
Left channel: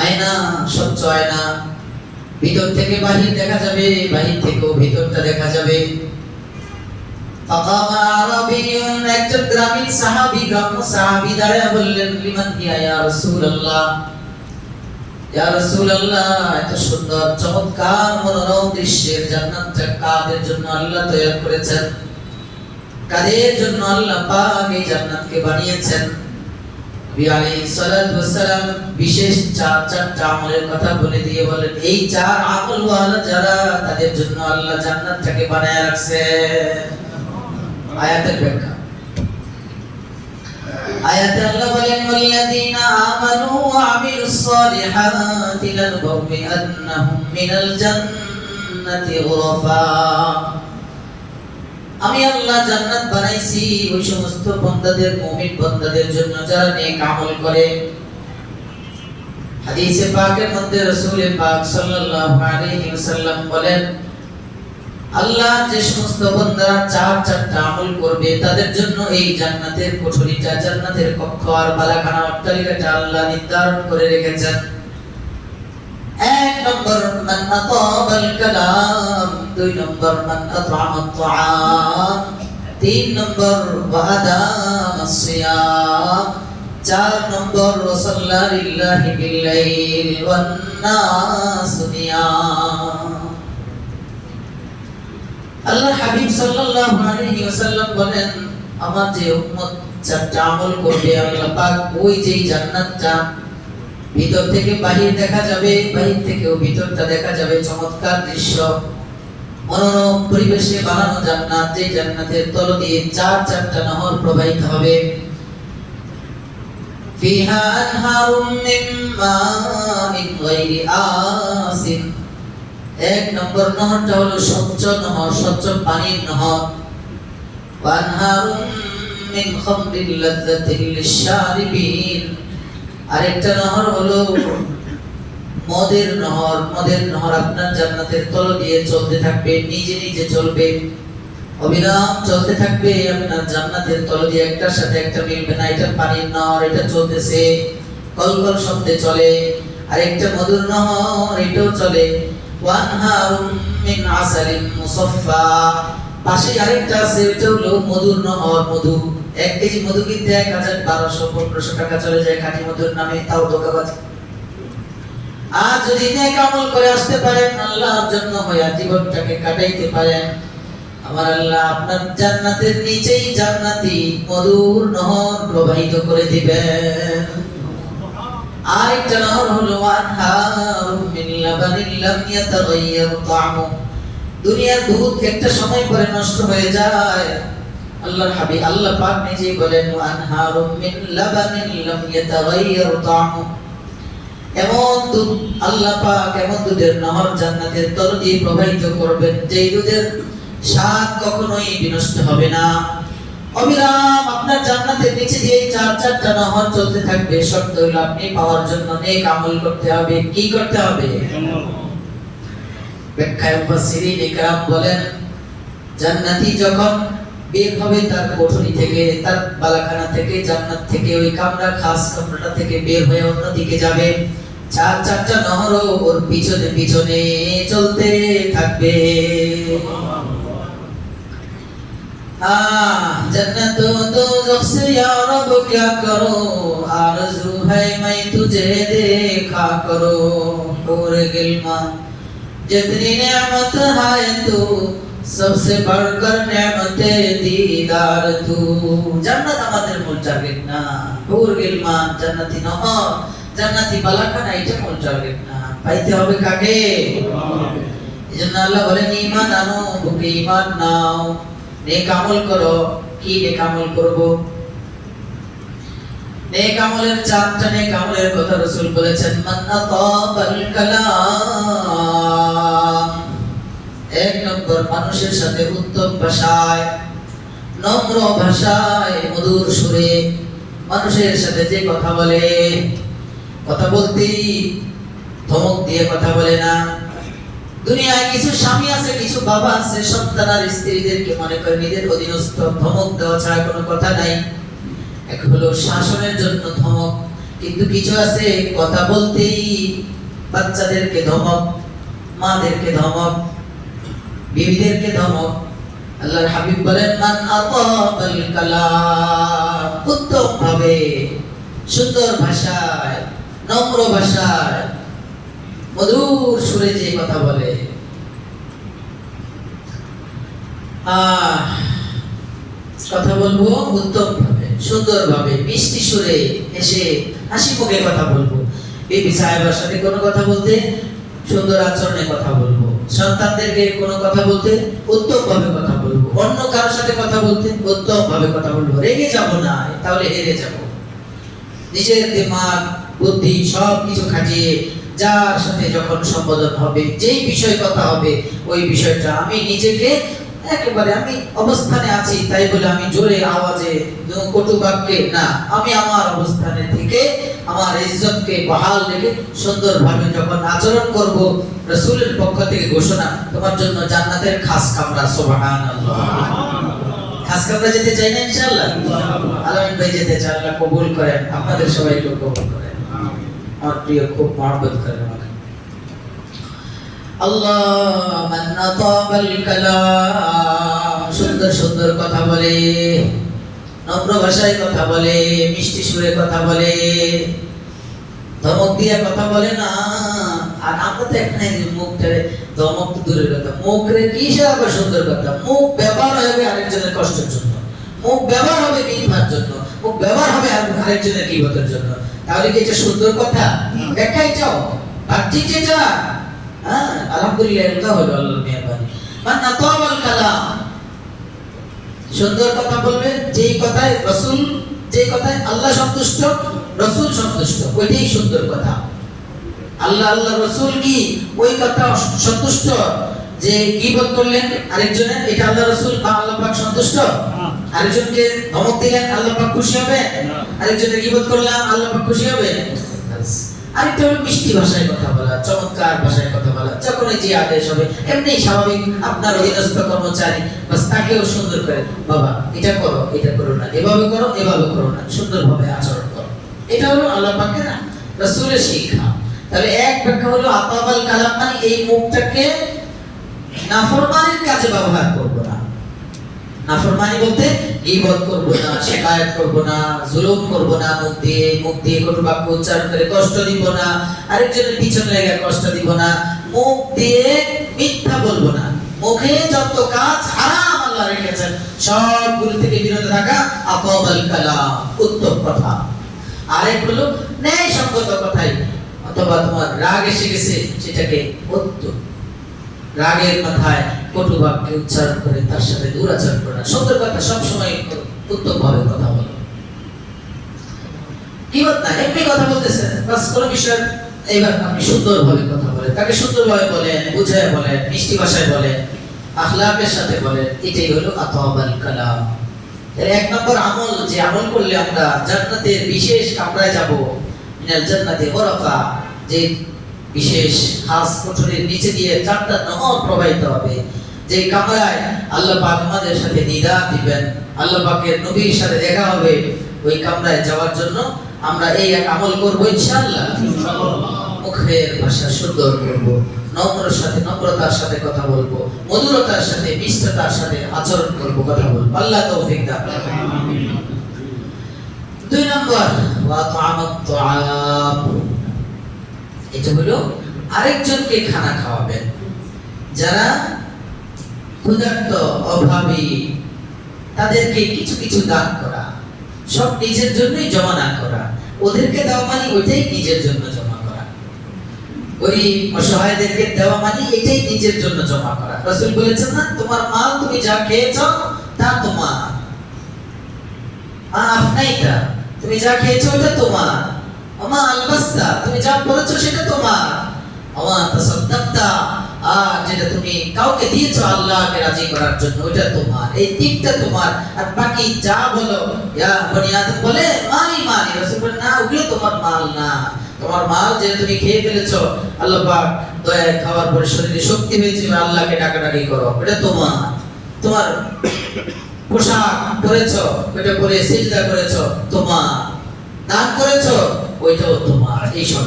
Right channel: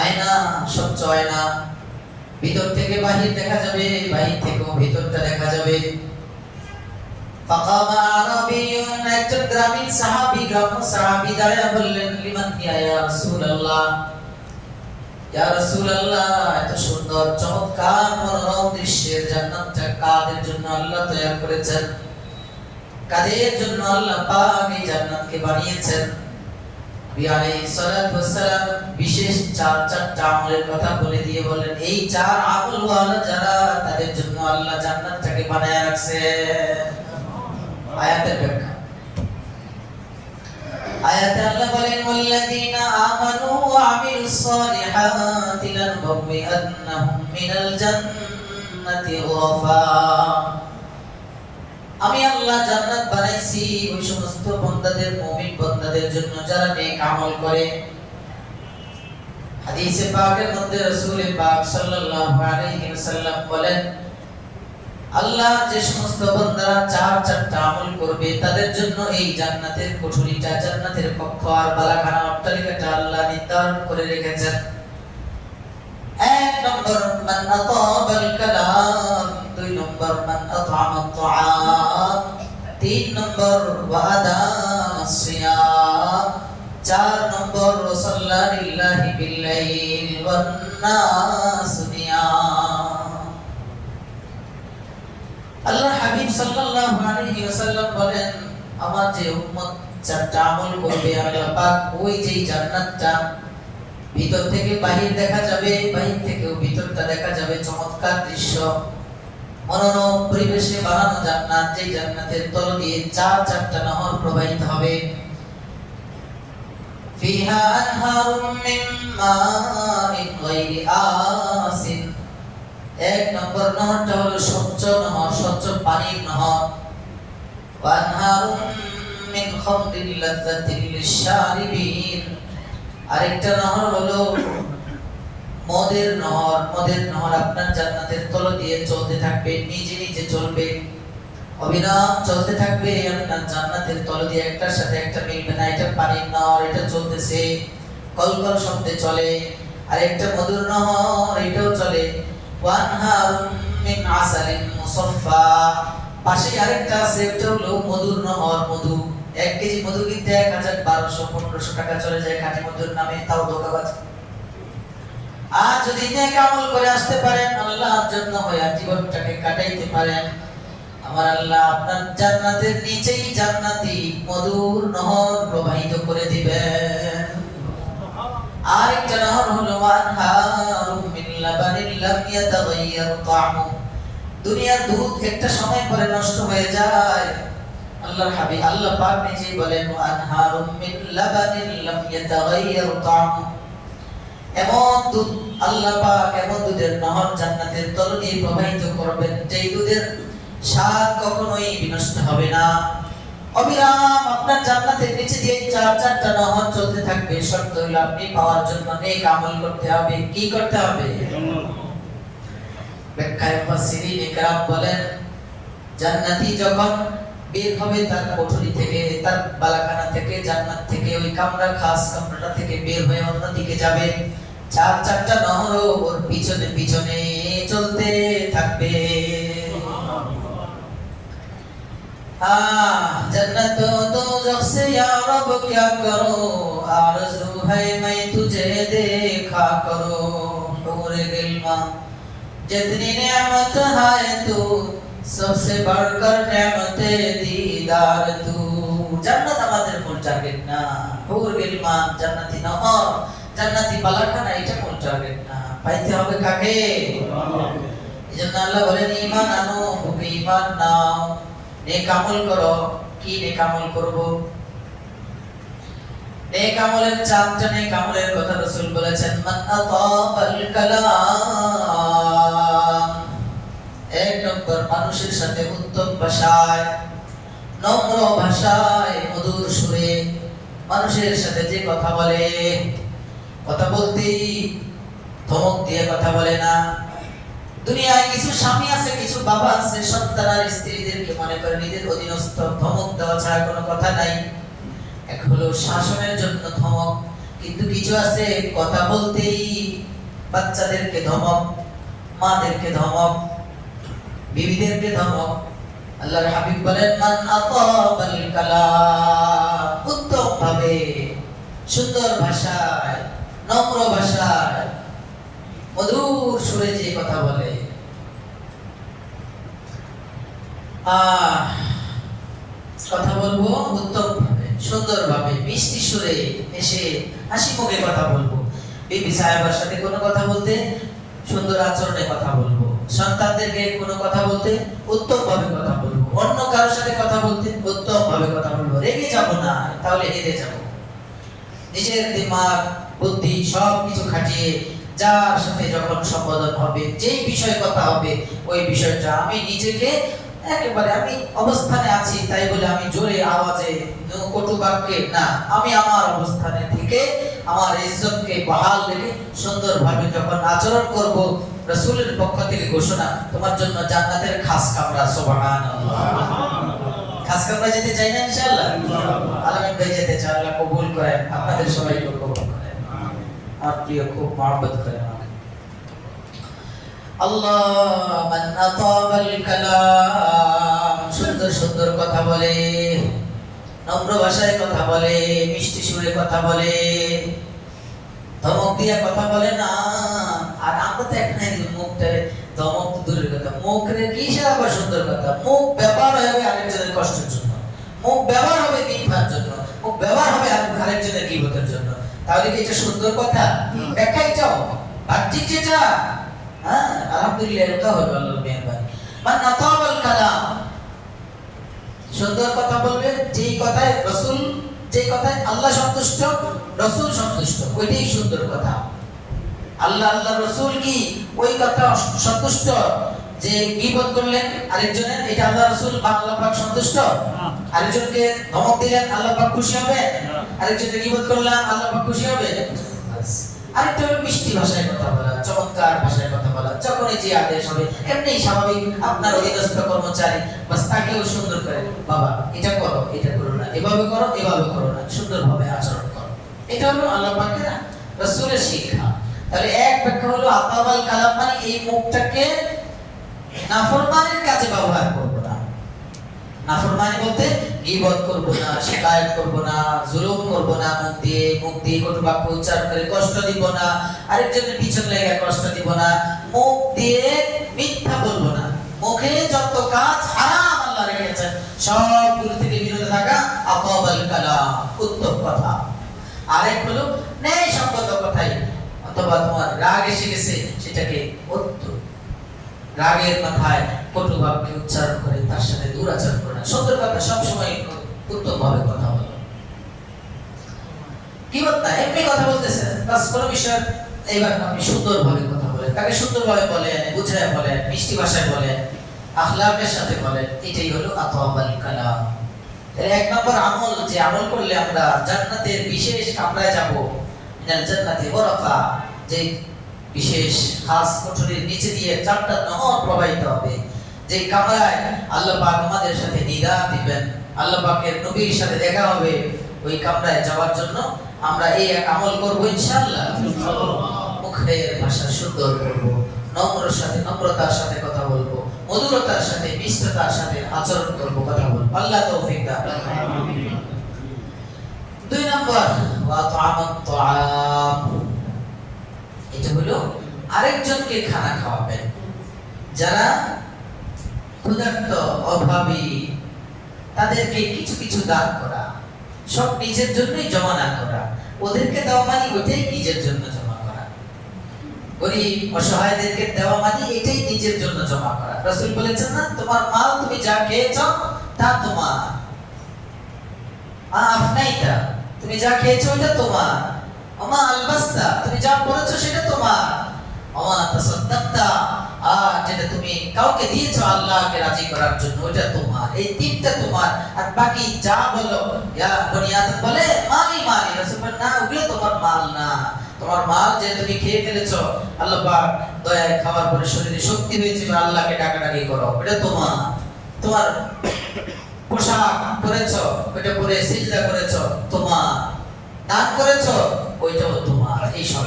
আয়না, স্বচ্ছ আয়না, ভিতর থেকে বাহির দেখা যাবে, বাহির থেকেও ভিতরটা দেখা যাবে। ফাকামা আরাবিয়ুন, একজন গ্রামীণ সাহাবী, গ্রাম্য সাহাবী দাঁড়ায় বললেন, লিমান হিয়া ইয়া রাসূলুল্লাহ, ইয়া রাসূলুল্লাহ, এত সুন্দর চমৎকার মনোরম দৃশ্যের জান্নাতটা কাদের জন্য আল্লাহ তৈরি করেছেন, কাদের জন্য আল্লাহ পাক এই জান্নাতকে বানিয়েছেন? নবী আলাইহিস সালাতু ওয়াস সালাম বিশেষ চারটা আমলের কথা বলে দিয়ে বলেন, এই চার আমল ওয়ালা যারা, তাদের জন্য আল্লাহ জান্নাতটাকে বানায় রাখছে। আয়াতের ব্যাখ্যা, আয়াতে আল্লাহ বলেন, ওয়াল্লাযীনা আমানু ওয়া আমিলুস সালিহাতি লানুবওয়িআন্নাহুম মিনাল জান্নাতি গুরাফা, আমি আল্লাহ জান্নাত বানাইছি ওই সমস্ত বান্দাদের, মুমিন বান্দাদের জন্য যারা নেক আমল করে। হাদিসে পাকের মধ্যে রাসূল পাক সাল্লাল্লাহু আলাইহি ওয়াসাল্লাম বলেন, আল্লাহ যে সমস্ত বান্দারা চারটা আমল করবে তাদের জন্য এই জান্নাতের কোঠরিটা, জান্নাতের কক্ষ আর বালাখানা, অট্টালিকাটা আল্লাহ নির্ধারণ করে রেখেছেন। এক নম্বর মান আতাবাল কালাম, দুই নম্বর মান আতআমাত তুআম, তিন নম্বর ওয়া আদামাস সিয়াম, চার নম্বর ওয়া সাল্লা লিল্লাহি বিল লাইল ওয়ান নাস নিয়াম। আল্লাহ হাবিব সাল্লাল্লাহু আলাইহি ওয়াসাল্লাম বলেন, আমার যে উম্মত চারটা আমল করবে, আল্লাহ পাক ওই যেই জান্নাতটা ভিতর থেকে বাহির দেখা যাবে, বাহির থেকেও ভিতরটা দেখা যাবে, চমৎকার দৃশ্য, মনোরম পরিবেশে বানানো জান্নাত, যে জান্নাতের তল দিয়ে চারটা নহর প্রবাহিত হবে। ফিহা আনহারুম মিন মাইন গায়রি আসিন, এক নম্বর নহরটা হলো স্বচ্ছ নহর, স্বচ্ছ পানির নহর। ওয়া আনহারুম মিন খামরিল লাযযাতিল লিশ-শারিবিন। আরেকটা নহর হলো মদের নহর। মদের নহর আপনার জান্নাতের তল দিয়ে চলতে থাকবে, নিজে নিজে চলবে, অবিরাম চলতে থাকবে আপনার জান্নাতের তল দিয়ে, একটার সাথে একটা মিলবে না। এটা পানির নহর, এটা চলতেছে, কলকল শব্দে চলে। আর একটা মধুর নহর, এটাও চলে। ওয়ানহারুম মিন আসালিন মুসাফফা, পাশে আরেকটা আছে, এটা হলো মধুর নহর। মধু, 1 কেজি মধু কিনতে 1000-1200-1500 টাকা চলে যায় খাঁটি মধুর নামে, তাও ধোঁকাবাজ। আর যদি নেক আমল করে আসতে পারেন, আল্লাহর জন্য হয়ে জীবনটাকে কাটাইতে পারেন, আমার আল্লাহ আপনার জান্নাতের নিচেই জান্নাতি মধুর নহর প্রবাহিত করে দিবেন। আরেকটা নহর হলো আনহারুম মিন লাবানিন লাম ইয়াতাগায়্যার তা'মু। দুনিয়ার দুধ একটা সময় পরে নষ্ট হয়ে যায়। আল্লাহর হাবিব আল্লাহ পাক নিজেই বলেন আনহারুম মিন লাবানিন লাম ইয়াতাগায়্যার তা'মু। এমন দুধ আল্লাহ পাক, এমন দুধের নহর জান্নাতের তল দিয়ে প্রবাহিত করবেন, যেই দুধের স্বাদ কখনোই বিনষ্ট হবে না। অবিরাম আপনার জান্নাতের নিচে দিয়ে 4-4টা নহর চলতে থাকবে। শর্ত হলো আপনি পাওয়ার জন্য নেক আমল করতে হবে। কি করতে হবে? ব্যাখ্যায় মুফাসসিরিন ইকরাম বলেন, জান্নাতি যখন বের হবে তার কোঠরি থেকে, তার বালাখানা থেকে, জান্নাত থেকে, ওই কামরা, খাস কামরাটা থেকে বের হয়ে অন্যদিকে যাবে, 4-4টা নহরও ওর পিছনে পিছনে চলতে থাকবে। जन्नत दोज़ख से या रब क्या करो, आरज़ू है मैं तुझे देखा करो। पूरे गिल्मा जितनी नेमत है तू, सबसे बढ़कर नेमते दीदार तू। জান্নাত আমাদের মূল টার্গেট না, হুর গিলমান জান্নাতি নহর, জান্নাতি বালাখানা, এটা মূল টার্গেট না। পাইতে হবে কাকে? এজন্য আল্লাহ বলেন ঈমান আনো, বুকে ঈমান নাও, নেক আমল করো। কি নেক আমল করব? নেক আমলের 4টা নেক আমলের কথা রাসূল বলেছেন। মান আতাবাল কালাম, 1 নম্বর মানুষের সাথে উত্তম ভাষায়, নম্র ভাষায়, মধুর সুরে মানুষের সাথে যে কথা বলে, কথা বলতেই ধমক দিয়ে কথা বলে না। দুনিয়ায় কিছু স্বামী আছে, কিছু বাবা আছে, সন্তান আর স্ত্রীদেরকে মনে করে নিজের অধীনস্থ, ধমক দেওয়া ছাড়া কোনো কথা নাই। এক হলো শাসনের জন্য ধমক, কিন্তু কিছু আছে কথা বলতেই বাচ্চাদেরকে ধমক, মাদেরকে ধমক, বিবিদেরকে ধমক। আল্লাহর হাবিব বলেন মান আতাবাল কালাম, উত্তম ভাবে, সুন্দর ভাষায়, নম্র ভাষায়, মধুর সুরে যে কথা বলে, কথা বলবো উত্তম ভাবে, সুন্দর ভাবে, মিষ্টি সুরে, এসে হাসি মুখে কথা বলবো। বিবি সাহেবের সাথে কোনো কথা বলতে সুন্দর আচরণে কথা বলবো, সন্তানদেরকে কোনো কথা বলতে উত্তম ভাবে কথা বলবো, অন্য কারোর সাথে কথা বলতে উত্তম ভাবে কথা বলবো। রেগে যাব না, তাহলে হেরে যাব। নিজের দিমাগ, বুদ্ধি সব কিছু খাটিয়ে যার সাথে যখন সম্বোধন হবে, যেই বিষয় কথা হবে, ওই বিষয়টা আমি নিজেকে একেবারে, আমি অবস্থানে আছি তাই বলে আমি জোরে আওয়াজে কটু বাক্যে না, আমি আমার অবস্থানে থেকে আমার ইজ্জতকে বহাল রেখে সুন্দরভাবে যখন আচরণ করব, রাসূলের পক্ষ থেকে ঘোষণা, তোমার জন্য জান্নাতের খাস কামরা। সুবহানাল্লাহ। খাস কামরা যেতে চাই না ইনশাআল্লাহ? আলামিন ভাই যেতে চাই, আল্লাহ কবুল করেন, আপনাদের সবাইকে কবুল করেন। আমার প্রিয়, খুব মহব্বত করেন আমাকে। আল্লাহ মান আতাবাল কালাম, সুন্দর সুন্দর কথা বলে, নম্র ভাষায় কথা বলে, মিষ্টি সুরে কথা বলে, ধমক দিয়ে কথা বলে না। আর আমরা তো এখানে মুখটা ধমক দূরের কথা, মুখে কিসে আবার সুন্দর কথা? মুখ ব্যবহার হবে আরেকজনের কষ্টের জন্য, মুখ ব্যবহার হবে মিথ্যার জন্য, মুখ ব্যবহার হবে আরেকজনের গীবতের জন্য। তাহলে কি এটা সুন্দর কথা? দেখাই চাও বাহ্যিক যেটা, হ্যাঁ আলহামদুলিল্লাহ, এটা হলো আল্লাহর মেহেরবানি। মান আতাবাল কালাম, সুন্দর কথা বলবে, যেই কথায় রাসূল, যে কথায় আল্লাহ সন্তুষ্ট, রাসূল সন্তুষ্ট, ওইটাই সুন্দর কথা। আল্লাহ, আল্লাহ রাসূল কি ওই কথা সন্তুষ্ট, যে গীবত করলেন আরেকজনের, এটা আল্লাহ রাসূল বা আল্লাহ পাক সন্তুষ্ট? আরেকজনকে ধমক দিলেন আল্লাহ পাক খুশি হবে? আরেকজনের গীবত করলাম আল্লাহ পাক খুশি হবে? আরেকটা হলো মিষ্টি ভাষায় কথা বলা, চমৎকার ভাষায় কথা বলা, যখনই যে আদেশ হবে এমনি স্বাভাবিক আপনার অধীনস্থ কর্মচারী বাস তাকেও সুন্দর করে, বাবা এটা করো, এটা করো না, এভাবে করো, এভাবে করো না, সুন্দরভাবে আচরণ করো। এটা হলো আল্লাহ পাকের রাসূলের শিক্ষা। তাহলে এক ব্যাখ্যা হলো আতাবাল কালাম, মানে এই মুখটাকে নাফরমানির কাজে ব্যবহার করব না। নাফরমানি বলতে গীবত করব না, শিকায়াত করব না, জুলুম করব না, মুখ দিয়ে কটু বাক্য উচ্চারণ করে কষ্ট দিব না, আরেকজনের পিছন লেগে কষ্ট দিব না, মুখ দিয়ে মিথ্যা বলবো না। মুখে যত কাজ হারাম আল্লাহ রেখেছেন সবগুলো থেকে বিরত থাকা আতাবাল কালাম, উত্তম কথা। আরেক হলো ন্যায় সঙ্গত কথাই, অথবা তোমার রাগ এসে গেছে সেটাকে উত্তম, রাগের মাথায় কটু বাক্য উচ্চারণ করে তার সাথে দুরাচরণ করে না, সুন্দর কথা সবসময় উত্তম ভাবে কথা বলে। কি না এমনি কথা বলতেছেন বাস কোন বিষয়, এবার আপনি সুন্দর ভাবে কথা বলেন, তাকে সুন্দর ভাবে বলেন, বুঝায় বলেন, মিষ্টি ভাষায় বলেন, আখলাকের সাথে বলেন, এটাই হলো আতাবাল কালাম। তাহলে এক নম্বর আমল, যে আমল করলে আমরা জান্নাতের বিশেষ কামরায় যাব, মিনাল জান্নাতি গরাফা, যে বিশেষ খাস কোঠরির নিচে দিয়ে চারটা নহর প্রবাহিত হবে, যে কামরায় আল্লাহ পাক আমাদের সাথে দিদার দিবেন, আল্লাহ পাকের নবীর সাথে দেখা হবে, ওই কামরায় যাওয়ার জন্য আমরা এই এক আমল করব ইনশাআল্লাহ। মুখের ভাষা সুন্দর করব, নম্রের সাথে নম্রতার সাথে কথা বলবো, মধুরতার সাথে মিষ্টতার সাথে আচরণ করব, কথা বলবো। আল্লাহ তৌফিক দান। দুই নম্বর ওয়া তা'আমাত তা'আম, এটা হলো আরেকজনকে খানা খাওয়াবেন। যারা ক্ষুধার্ত অভাবী তাদেরকে কিছু কিছু দান করা, সব নিজের জন্যই জমা না করা, ওদেরকে দেওয়া মানে ওইটাই নিজের জন্য জমা করা। গরিব অসহায়দেরকে দেওয়া মানে এটাই নিজের জন্য জমা করা। রাসূল বলেছেন না, তোমার মাল তুমি যা খেয়েছো তা তোমার, আফনাইতা, তুমি যা খেয়েছো ওটা তোমার, আমা আলবাস্তা, তুমি যা পরেছো সেটা তোমার, আমা তাসাদ্দাকতা, যেটা তুমি কাউকে দিয়েছো আল্লাহকে রাজি করার জন্য ওটা তোমার, এই তিনটা তোমার। আর বাকি যা বলো, ইয়া বনি আদম বলে মালি মালি, রাসূল বলেন না, ওগুলো তোমার মাল না। তোমার মাল যে তুমি খেয়ে ফেলেছো, আল্লাহ পাক দয়ায় খাওয়ার পরে শরীরে শক্তি হয়েছে, আল্লাহকে ডাকাডাকি করো, এটা তোমার। তোমার পোশাক পরেছো, ওটা পরে সিজদা করেছো, তোমার। দান করেছো, ওইটাও তোমার। এই সব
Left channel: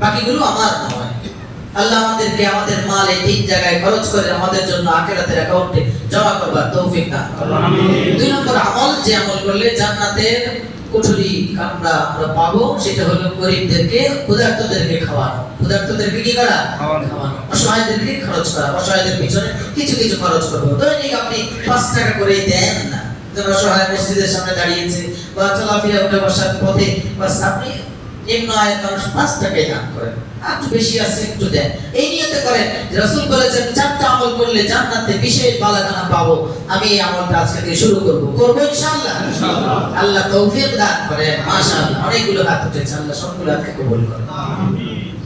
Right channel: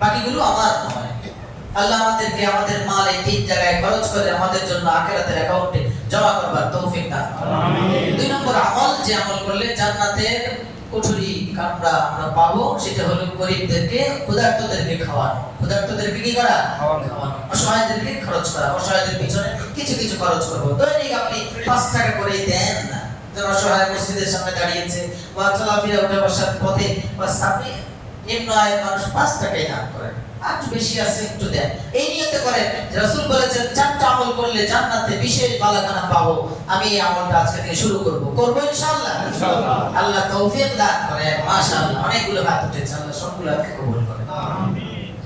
বাকিগুলো আমার নয়। আল্লাহ আমাদেরকে আমাদের মাল এই তিন জায়গায় খরচ করে আমাদের জন্য আখিরাতের অ্যাকাউন্টে জমা করবার তৌফিক দান করুন। আমিন। দুই নম্বর আমল, যে আমল করলে জান্নাতের কুঠরি আমরা পাবো, সেটা হলো গরিবদেরকে, ক্ষুধার্তদেরকে খাওয়ানো। ক্ষুধার্তদেরকে কি করা? খাওয়ানো। অসহায়দেরকে খরচ করা, অসহায়দের পিছনে কিছু কিছু খরচ করবো। দৈনিক আপনি 5 টাকা করে দেন না, অসহায় মসজিদের সামনে দাঁড়িয়েছে বা চলাফেরা করে বসার পথে, বাস আপনি নিম্ন আয়ের মানুষ 5 টাকায় দান করেন, আর একটু বেশি আছে একটু দেন। এই নিয়তে করেন। রাসূল বলেছেন 4টা আমল করলে জান্নাতে বিশেষ বালাখানা পাবো। আমি এই আমলটা আজকে থেকে শুরু করব ইনশাআল্লাহ। আল্লাহ তৌফিক দান করেন। মাশাআল্লাহ, অনেকগুলো হাত উঠেছে, আল্লাহ সবগুলো হাতকে কবুল করেন।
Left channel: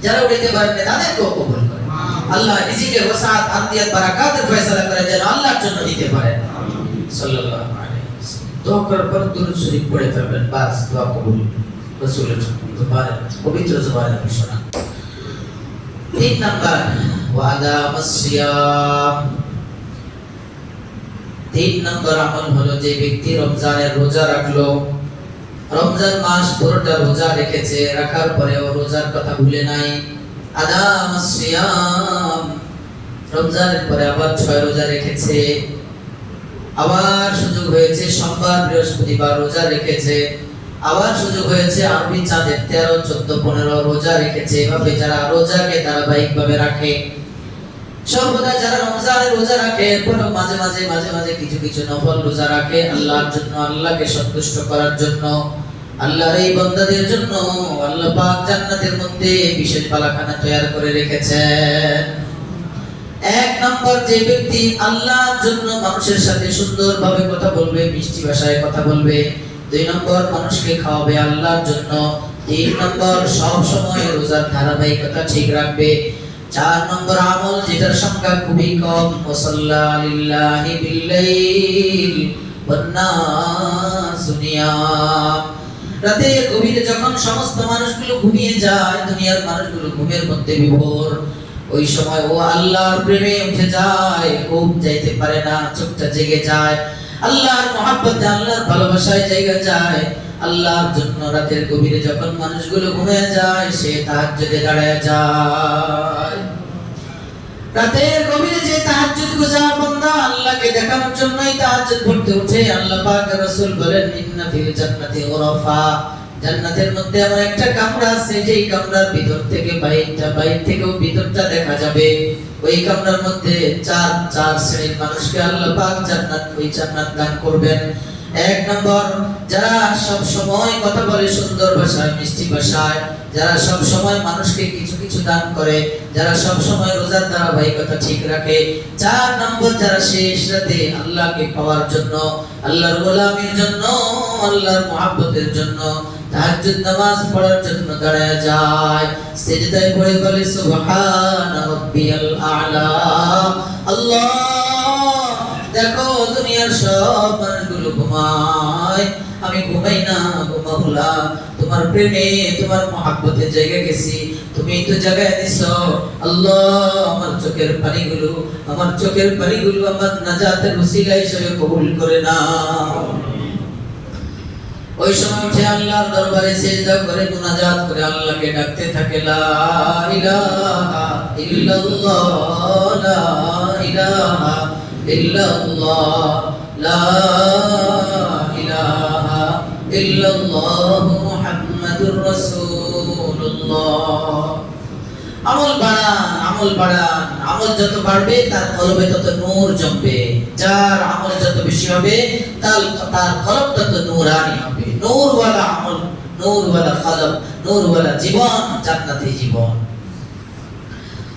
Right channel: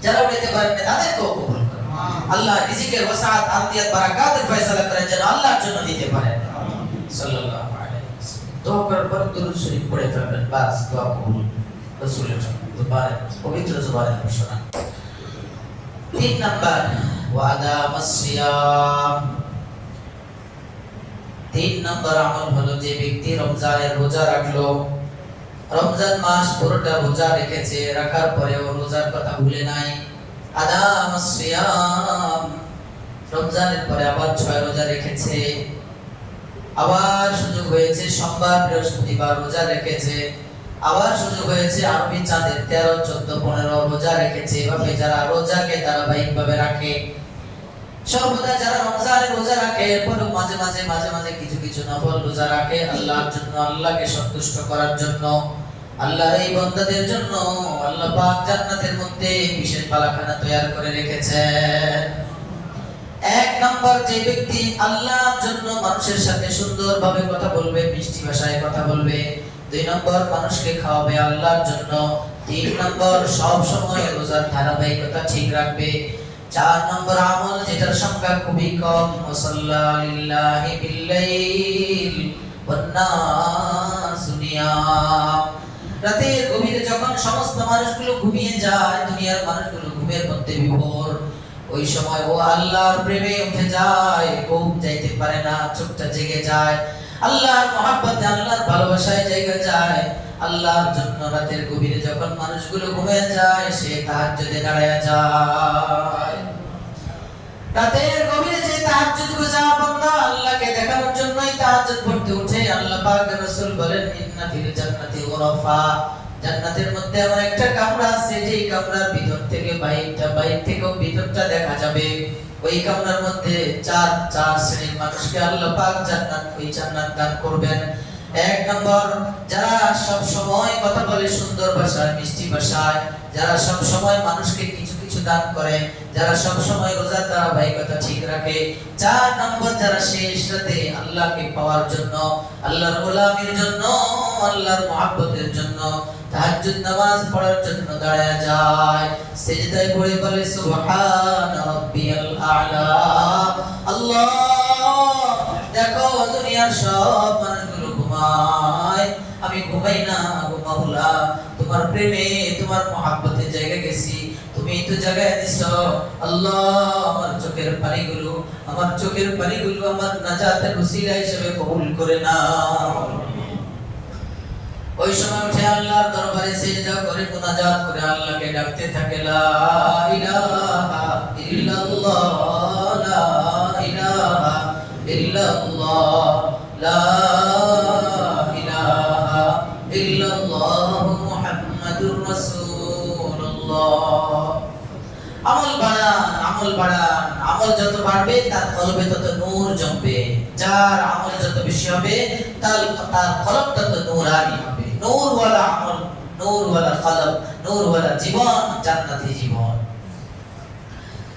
যারা উঠাতে পারেন তাদেরকেও কবুল করেন। আল্লাহ রিজিকের ওসাআত, আতিয়াত, বারাকাতের ফয়সালা করেন, যেন আল্লাহর জন্য দিতে পারেন। সাল্লাল্লাহু আলাইহি ওয়াসাল্লাম। দোয়া করার পর দুরূদ শরীফ পড়ে ফেলবেন, বাস দোয়া কবুল। রাসূলের জবানে, পবিত্র জবানে ঘোষণা। 3 নাম্বার ওয়াদা মাসিয়াম। 3 নাম্বার আমল হলো, যে ব্যক্তি রমজানের রোজা রাখলো, রমজান মাস পুরোটা রোজা রেখেছে, রাখার পরেও রোজার কথা ভুলে নাই, আদা মাসিয়াম, রমজানের পরে আবার 6 রোজা রেখেছে, আবার সুযোগ হয়েছে সোমবার বৃহস্পতিবার রোজা রেখেছে, আবার সুযোগ হয়েছে আরবি চাঁদের 13, 14, 15 রোজা রেখেছে। এভাবে যারা রোজাকে ধারাবাহিকভাবে রাখে, সর্বদা যারা রমজানের রোজা রাখে, এরপরও মাঝে মাঝে কিছু কিছু নফল রোজা রাখে আল্লাহর জন্য, আল্লাহকে সন্তুষ্ট করার জন্য, আল্লাহর এই বান্দাদের জন্য আল্লাহ পাক জান্নাতের মধ্যে বিশেষ বালাখানা তৈরি করে রেখেছেন। 1 নম্বর, যে ব্যক্তি আল্লাহর জন্য মানুষের সাথে সুন্দরভাবে কথা বলবে, মিষ্টি ভাষায় কথা বলবে। 2 নম্বর, মানুষকে খাওয়াবে আল্লাহর জন্য। 3 নম্বর, সব সময় রোজার ধারাবাহিকতা ঠিক রাখবে। 4 নম্বর আমল যেটার সংখ্যা খুবই কম, ওয়াসাল্লা লিল্লাহি বিল্লাইল ওয়ান নাসু নিয়াম। রাতের গভীরে যখন সমস্ত মানুষগুলো ঘুমিয়ে যায়, দুনিয়ার মানুষগুলো ঘুমের মধ্যে বিভোর, ওই সময় ও আল্লাহর প্রেমে উঠে যায়, ঘুম যাইতে পারে না, চোখটা জেগে যায়, আল্লাহর মহব্বতে আল্লাহর ভালোবাসায় জেগে যায়। আল্লাহর জন্য রাতের গভীরে যখন মানুষগুলো ঘুমিয়ে যায়, সে তাহাজ্জুদে দাঁড়ায় যায়। রাতের গভীরে যে তাহাজ্জুদ গুজার বান্দা আল্লাহকে দেখার জন্যই তাহাজ্জুদ পড়তে উঠে, আল্লাহ পাক রাসূল বলেন, ইন্না ফিল জান্নাতি গুরাফা, জান্নাতের মধ্যে এমন একটা কামরা আছে যেই কামরার ভিতর থেকে বাইরটা, বাইর থেকেও ভিতরটা দেখা যাবে। ওই কামরার মধ্যে চার শ্রেণীর মানুষকে আল্লাহ পাক জান্নাত দান করবেন। 1 নম্বর, যারা সব সময় কথা বলে সুন্দর ভাষায়, মিষ্টি ভাষায়, যারা সব সময় মানুষকে কিছু কিছু দান করে, যারা সব সময় রোজার ধারাবাহিকতা ঠিক রাখে। 4 নম্বর, যারা শেষ রাতে আল্লাহকে পাওয়ার জন্য, আল্লাহর গোলামির জন্য, আল্লাহর মহব্বতের জন্য তাহাজ্জুদ নামাজ পড়ার জন্য দাঁড়ায় যায়, সিজদায় পড়ে বলে সুবহান রাব্বিয়াল আ'লা। আল্লাহ, দেখো দুনিয়ার সব মানুষগুলো ঘুমায়, আমি ঘুমাই না, ঘুমাবো না, তোমার প্রেমে তোমার মহব্বতে জেগে গেছি, তুমি তো জায়গায় দিছো। আল্লাহ, আমার চোখের পানিগুলো আমার নাজাতের ওসিলা হিসেবে কবুল করে নাও। ওই সময় উঠে আল্লাহর দরবারে সিজদা করে মুনাজাত করে আল্লাহকে ডাকতে থাকে, লা ইলাহা ইল্লাল্লাহ, লা ইলাহা ইল্লাল্লাহ, লা ইলাহা ইল্লাল্লাহ মুহাম্মাদুর রাসূলুল্লাহ। আমল বাড়ান, আমল যত বাড়বে তার কলবে তত নূর জমবে। যার আমল যত বেশি হবে তার কলব তত নূরানি হবে। নূরওয়ালা আমল, নূরওয়ালা কলব, নূরওয়ালা জীবন, জান্নাতি জীবন।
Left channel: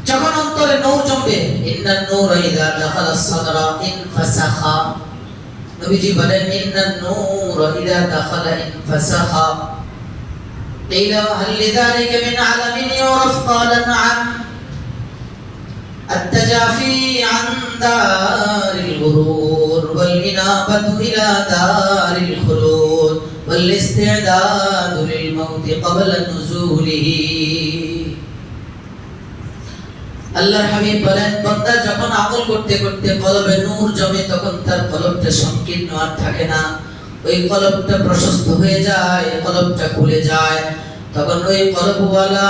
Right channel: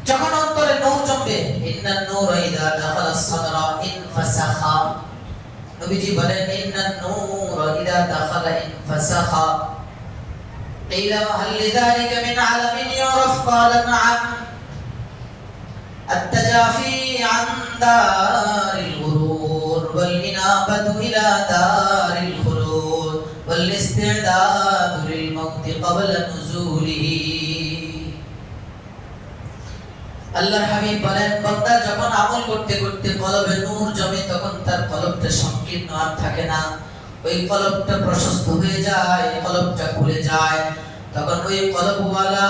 যখন অন্তরে নূর জমবে, ইন্নান নূরা ইযা দাখালাস সাদরা ইনফাসাখা, নবীজি বলেন, ইন্নান নূরা ইযা দাখালা ইনফাসাখা। قيل هل لذلك من علم يعرف؟ قال نعم، التجافي عن دار الغرور والإنابة إلى دار الخلود والاستعداد للموت قبل نزوله। আল্লাহর হাবিব বলেন, বান্দা যখন আমল করতে করতে কলবে নূর জমে, তখন তার কলবটা সংকীর্ণ আর থাকে না, ওই কলবটা প্রশস্ত হয়ে যায়, কলবটা খুলে যায়। তখন ওই কলবওয়ালা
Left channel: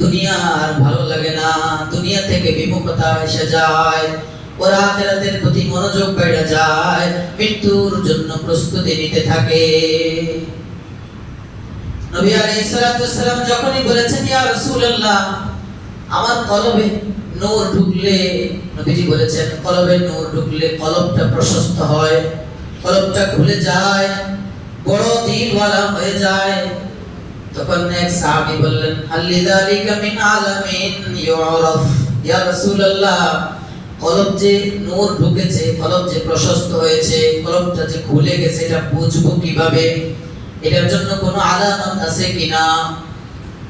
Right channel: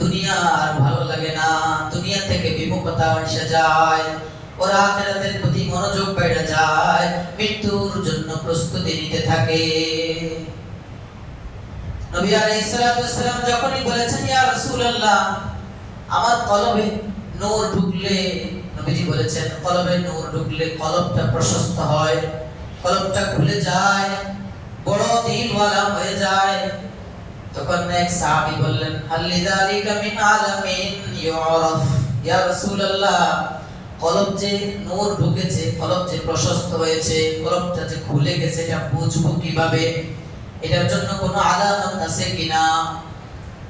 দুনিয়া আর ভালো লাগে না, দুনিয়া থেকে বিমুখতা এসে যায়, ওর আখিরাতের প্রতি মনোযোগ বেড়ে যায়, মৃত্যুর জন্য প্রস্তুতি নিতে থাকে। নবী আলাইহিস সালাতু ওয়াস সালাম যখনই বলেছেন, ইয়া রাসূলুল্লাহ, আমার কলবে নূর ঢুকলে, নবীজি বলেছেন, কলবে নূর ঢুকলে কলবটা প্রশস্ত হয়, কলবটা খুলে যায়, বড় দিলওয়ালা হয়ে যায়। তখন এক সাহাবী বললেন, আল্লিযালিকা মিন আলামিন ইউরাফ, ইয়া রাসূলুল্লাহ, কলব যে নূর ঢুকেছে, কলব যে প্রশস্ত হয়েছে, কলবটা যে খুলে গেছে, এটা বুঝবো কিভাবে? এটার জন্য কোনো আলামত আছে কিনা?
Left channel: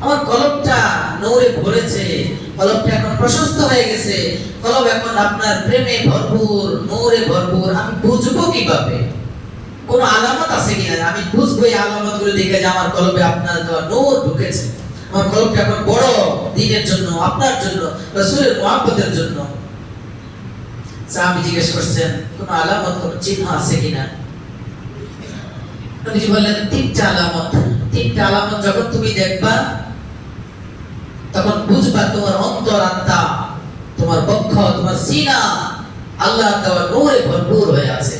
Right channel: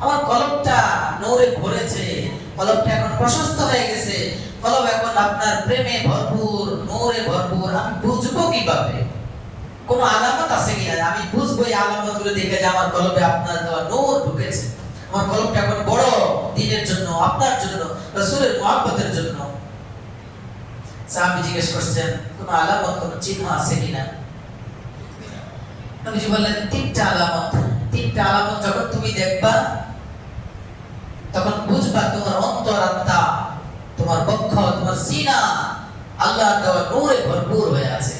আমার কলবটা নূরে ভরেছে, কলবটা এখন প্রশস্ত হয়ে গেছে, কলব এখন আপনার প্রেমে ভরপুর, নূরে ভরপুর, আমি বুঝবো কিভাবে? কোন আলামত আছে কিনা? আমি বুঝবো এই আলামতগুলো দেখে যে আমার কলবে আপনার দেওয়া নূর ঢুকেছে, আমার কলবটা এখন বড় দ্বীনের জন্য, আপনার জন্য, রাসূলের মহব্বতের জন্য। সাহাবী জিজ্ঞেস করছেন, কোন আলামত, কোন চিহ্ন আছে কিনা? নবীজি বললেন, 3টা আলামত। 3টা আলামত যখন তুমি দেখবা, তখন বুঝবা তোমার অন্তরাত্মা, তোমার বক্ষ, তোমার সিনা আল্লাহর দেওয়া নূরে ভরপুর হয়ে আছে।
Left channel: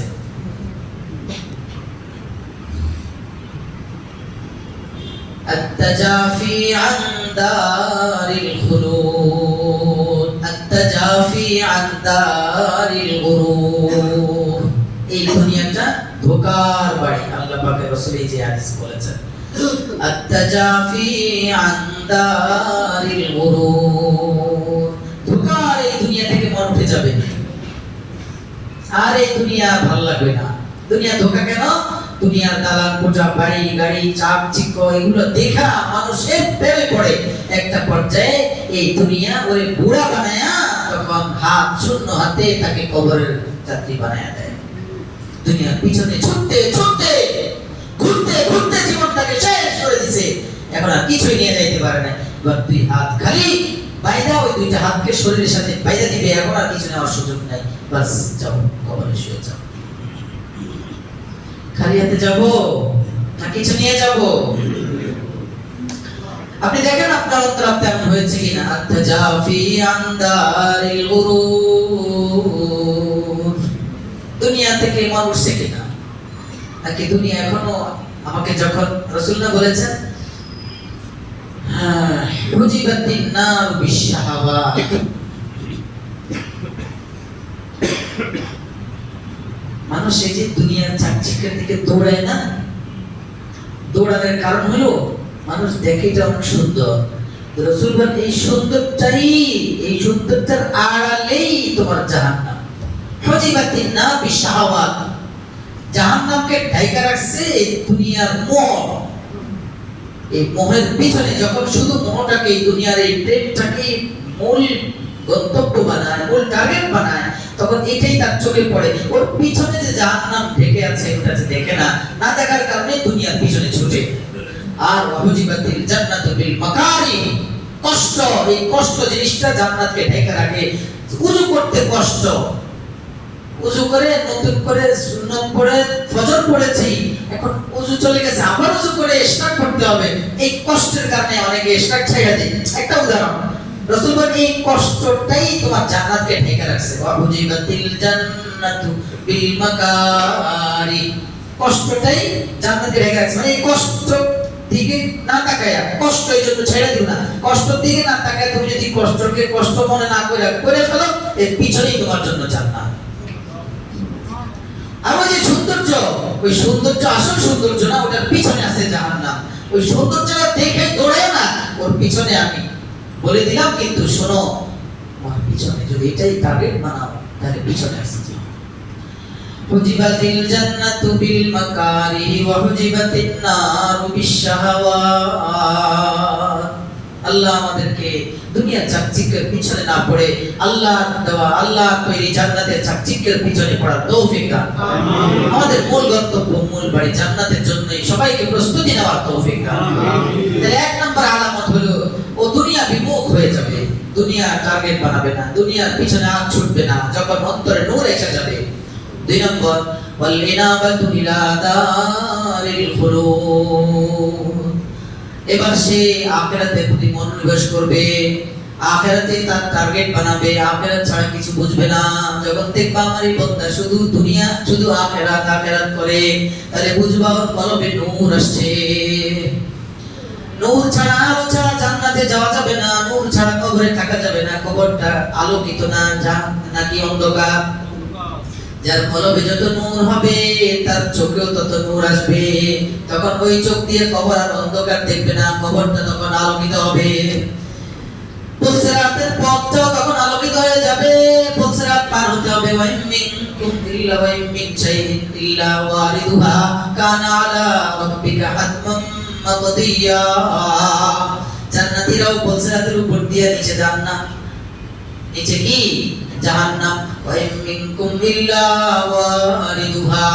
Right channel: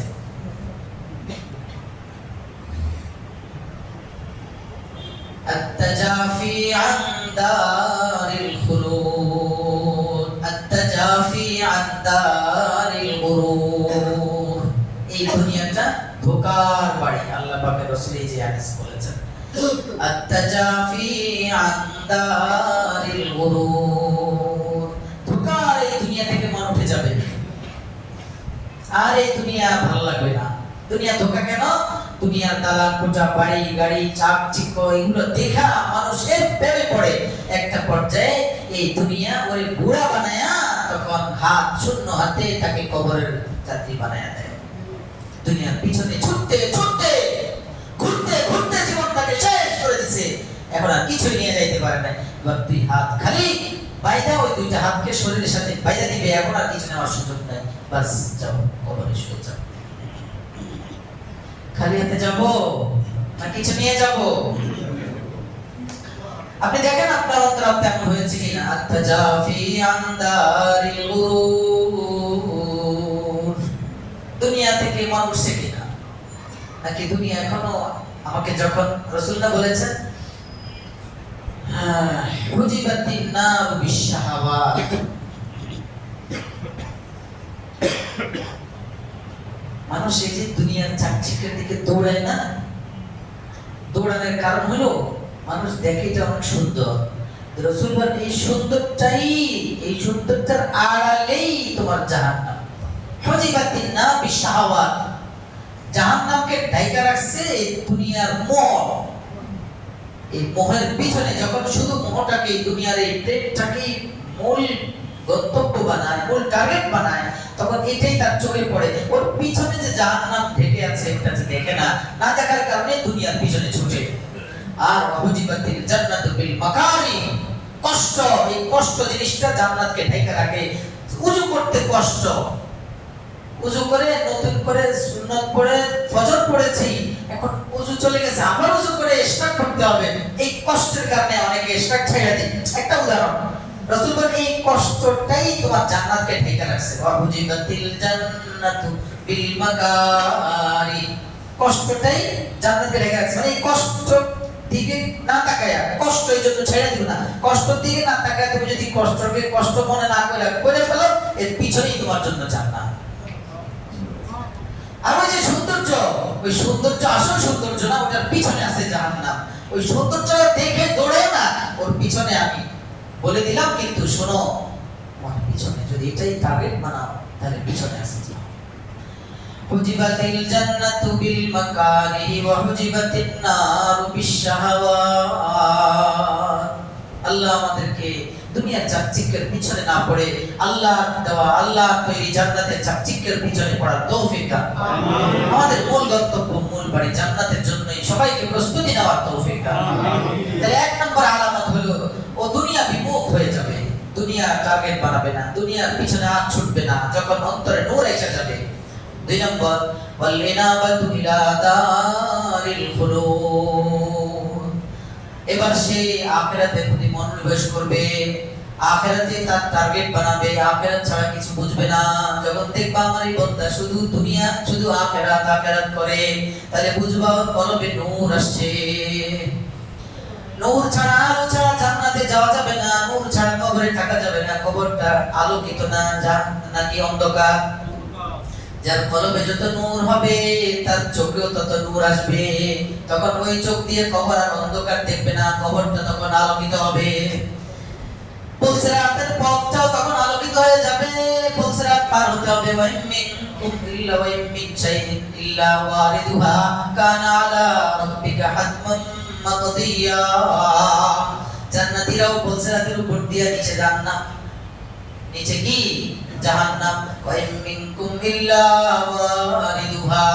التجافي عن دار الخلود، التجافي عن دار الغرور। এই দুনিয়াটা ধোঁকার বাড়ি, আল্লাহ পাকের রাসূল এই যে হাদিস বলেছেন, التجافي عن دار الغرور। ধোঁকার এই দুনিয়া থেকে মন উঠে যাবে, আর এই দুনিয়া ভালো লাগবে না। দুনিয়া ধোঁকা কেন? দুনিয়ার দালান কোঠা, বাড়ি গাড়ি, চাকচিক্য, এগুলো দেখা মানুষের প্রেমে পড়ে। একটা পর্যায়ে এই দুনিয়া ওরে বুড়া বানায়া তখন হাত শূন্য হাতে তাকে কবরের যাত্রী বানায়া দেয়। দুনিয়ার পিছনে ছুটতে ছুটতে ঘুরতে ঘুরতে জীবনটাকে শেষ করে দিছে, এখন আর কিছুই নিয়ে যাইতে পারে না। এবার দুই হাত খালি বাইদা, ওই দুইটা হাতকে শরীরের সাথে বাইদা দিবে, এখন আর কিছু নেওয়ার সুযোগ নাই। বাস যাও, কবরে শুয়ে যাও। খালি হাতে যাবো না কিছু নিয়ে যাবো? আপনি দেখেন আপনার অন্তর তেমন হয়েছে কিনা। আত্তাজাফি আনদারিল গুরুর, দুনিয়া থেকে মানুষ উঠছে কিনা, নাকি দুনিয়া এখনো আমাকে যখন রাসূলুল্লাহ বলেছেন হুজিবাতিন নার বিশাহাওয়াত, মানুষ এই যে দুনিয়ার চাকচিক্যের দিকে দৌড়ায় না, দৌড়ানোর কারণ হলো মানুষ দেখে এটা অনেক সুন্দর। রাসূল বলেন এই সুন্দরটাই, এই সুন্দরটার আড়ালেই তোমার জাহান্নাম। হুজিবাতিন নার বিশাহাওয়াত, জাহান্নামকে ঢাইকা রাখছে এই দুনিয়ার মোহ। এই মোহের পিছনে যখন শুধু মোহটাকে, এই দুনিয়ার এই প্রেমটাকে মূল গন্তব্য বানায়, মূল টার্গেট বানায়, তখন এটাই তার চোখে পড়ে। ওর পিছনে যে জাহান্নাম ঢেকে আছে ওটা যে দেখে না, না দেখার কারণে দুনিয়ার পিছনে ছুটে। আর ওয়াহুজিবাতিল জান্নাতু বিল মাকারি, কষ্ট, এই কষ্ট জিনিসটা জান্নাতকে ঢেকে রাখে। উযু করতে কষ্ট, উযু করে নতুন করে সুন্নাত পড়ে ফজর পড়েছি, এখন উযু চলে গেছে, আবার উযু করে ইশরাক করতে হবে। এই কষ্টের কারণে অনেকে ইশরাক ছাইড়া দেয়। একটা উদাহরণ, রাসূল বলেন এই কষ্টটাই তোমার জান্নাতকে ঢেকে রাখছে। ওয়াহুজিবাতিল জান্নাতু বিল মাকারি, কষ্টটাই জান্নাতকে ঢেকে রাখছে। মানে এই কষ্ট দিকে না তাকায়া, কষ্ট এই জন্য ছেড়ে দিও না, কষ্টের দিকে না তাকায়া তুমি যদি কষ্টকে কষ্ট মনে না করে ফেলো, এর পিছনেই তোমার জন্য জান্নাত। আর ওই যে সৌন্দর্য, ওই সৌন্দর্য আসল সৌন্দর্য না, ওটার পিছনে আছে জাহান্নাম। ওই সৌন্দর্যটা দেখে দৌড়ে না, ওর পিছনে আমি বলে দিলাম, কিন্তু শোনো, আমার পিছনে যদি এটাই টার্গেট বানাও তাহলে পিছনে আছে হুজিবাতিল জান্নাতু বিল মাকারি ওয়া হুজিবাতিন নারু বিশাহাওয়াত। আল্লাহ আমাদেরকে দুনিয়ার চাকচিক্যের পিছনে না পড়ে আল্লাহ দেওয়া, আল্লাহ তৈরি জান্নাতের চাকচিক্যের পিছনে পড়ার তৌফিক দান। আমিন। আমাদের মূল গন্তব্য, মূল বাড়ি জান্নাতের জন্যই সবাইকে প্রস্তুতি নেওয়ার তৌফিক দান। তাহলে এক নম্বর আলামত হলো ও দুনিয়া বিমুখ হয়ে যাবে, দুনিয়া টার্গেট বানাবে না, দুনিয়ার পিছনে হাত ছুটবে না যখন অন্তরে নূর এসে যাবে। দুই নম্বর, ওয়াল ইনাবাতু ইলা দারিল খুলুদ, এবার সে আখিরাতের প্রতি মনোনিবেশ করবে, আখিরাতে তার টার্গেট বানাবে, আখিরাত ছাড়া কিছু বুঝবে না। যখন দেখবা আমার এই বান্দা শুধু দুনিয়া, শুধু আখিরাত আখিরাত করে, তাহলে বুঝবা ওর কলবে নূর আসছে। নূর ছাড়া, আলো ছাড়া জান্নাতে যাওয়া যাবে না, নূর ছাড়া কবরে থাকা যাবে না। কবরটা আলোকিত না নাকি অন্ধকার? যার কলবে যত নূর হবে তার চোখেও তত নূর আসবে। তখন ওই চোখ দিয়ে কবর আর অন্ধকার দেখবে না, কবরটা তখন আলোকিত হবে। পুলসিরাতের পথটাও তখন আলোকিত হয়ে যাবে। পুলসিরাত পার হতে হবে, ওয়া মিনকুম ইল্লা ওয়া মিন শাইইন ইল্লা ওয়ারিদুহা কানা আলা রাব্বিকা হাতমান মাকদিয়া। জান্নাতীরাও পুলসিরাতের উপর দিয়ে নিচে জান্নাত, নিচে কি জাহান্নাম। ওয়া মিনকুম ইল্লা ওয়ারিদুহা,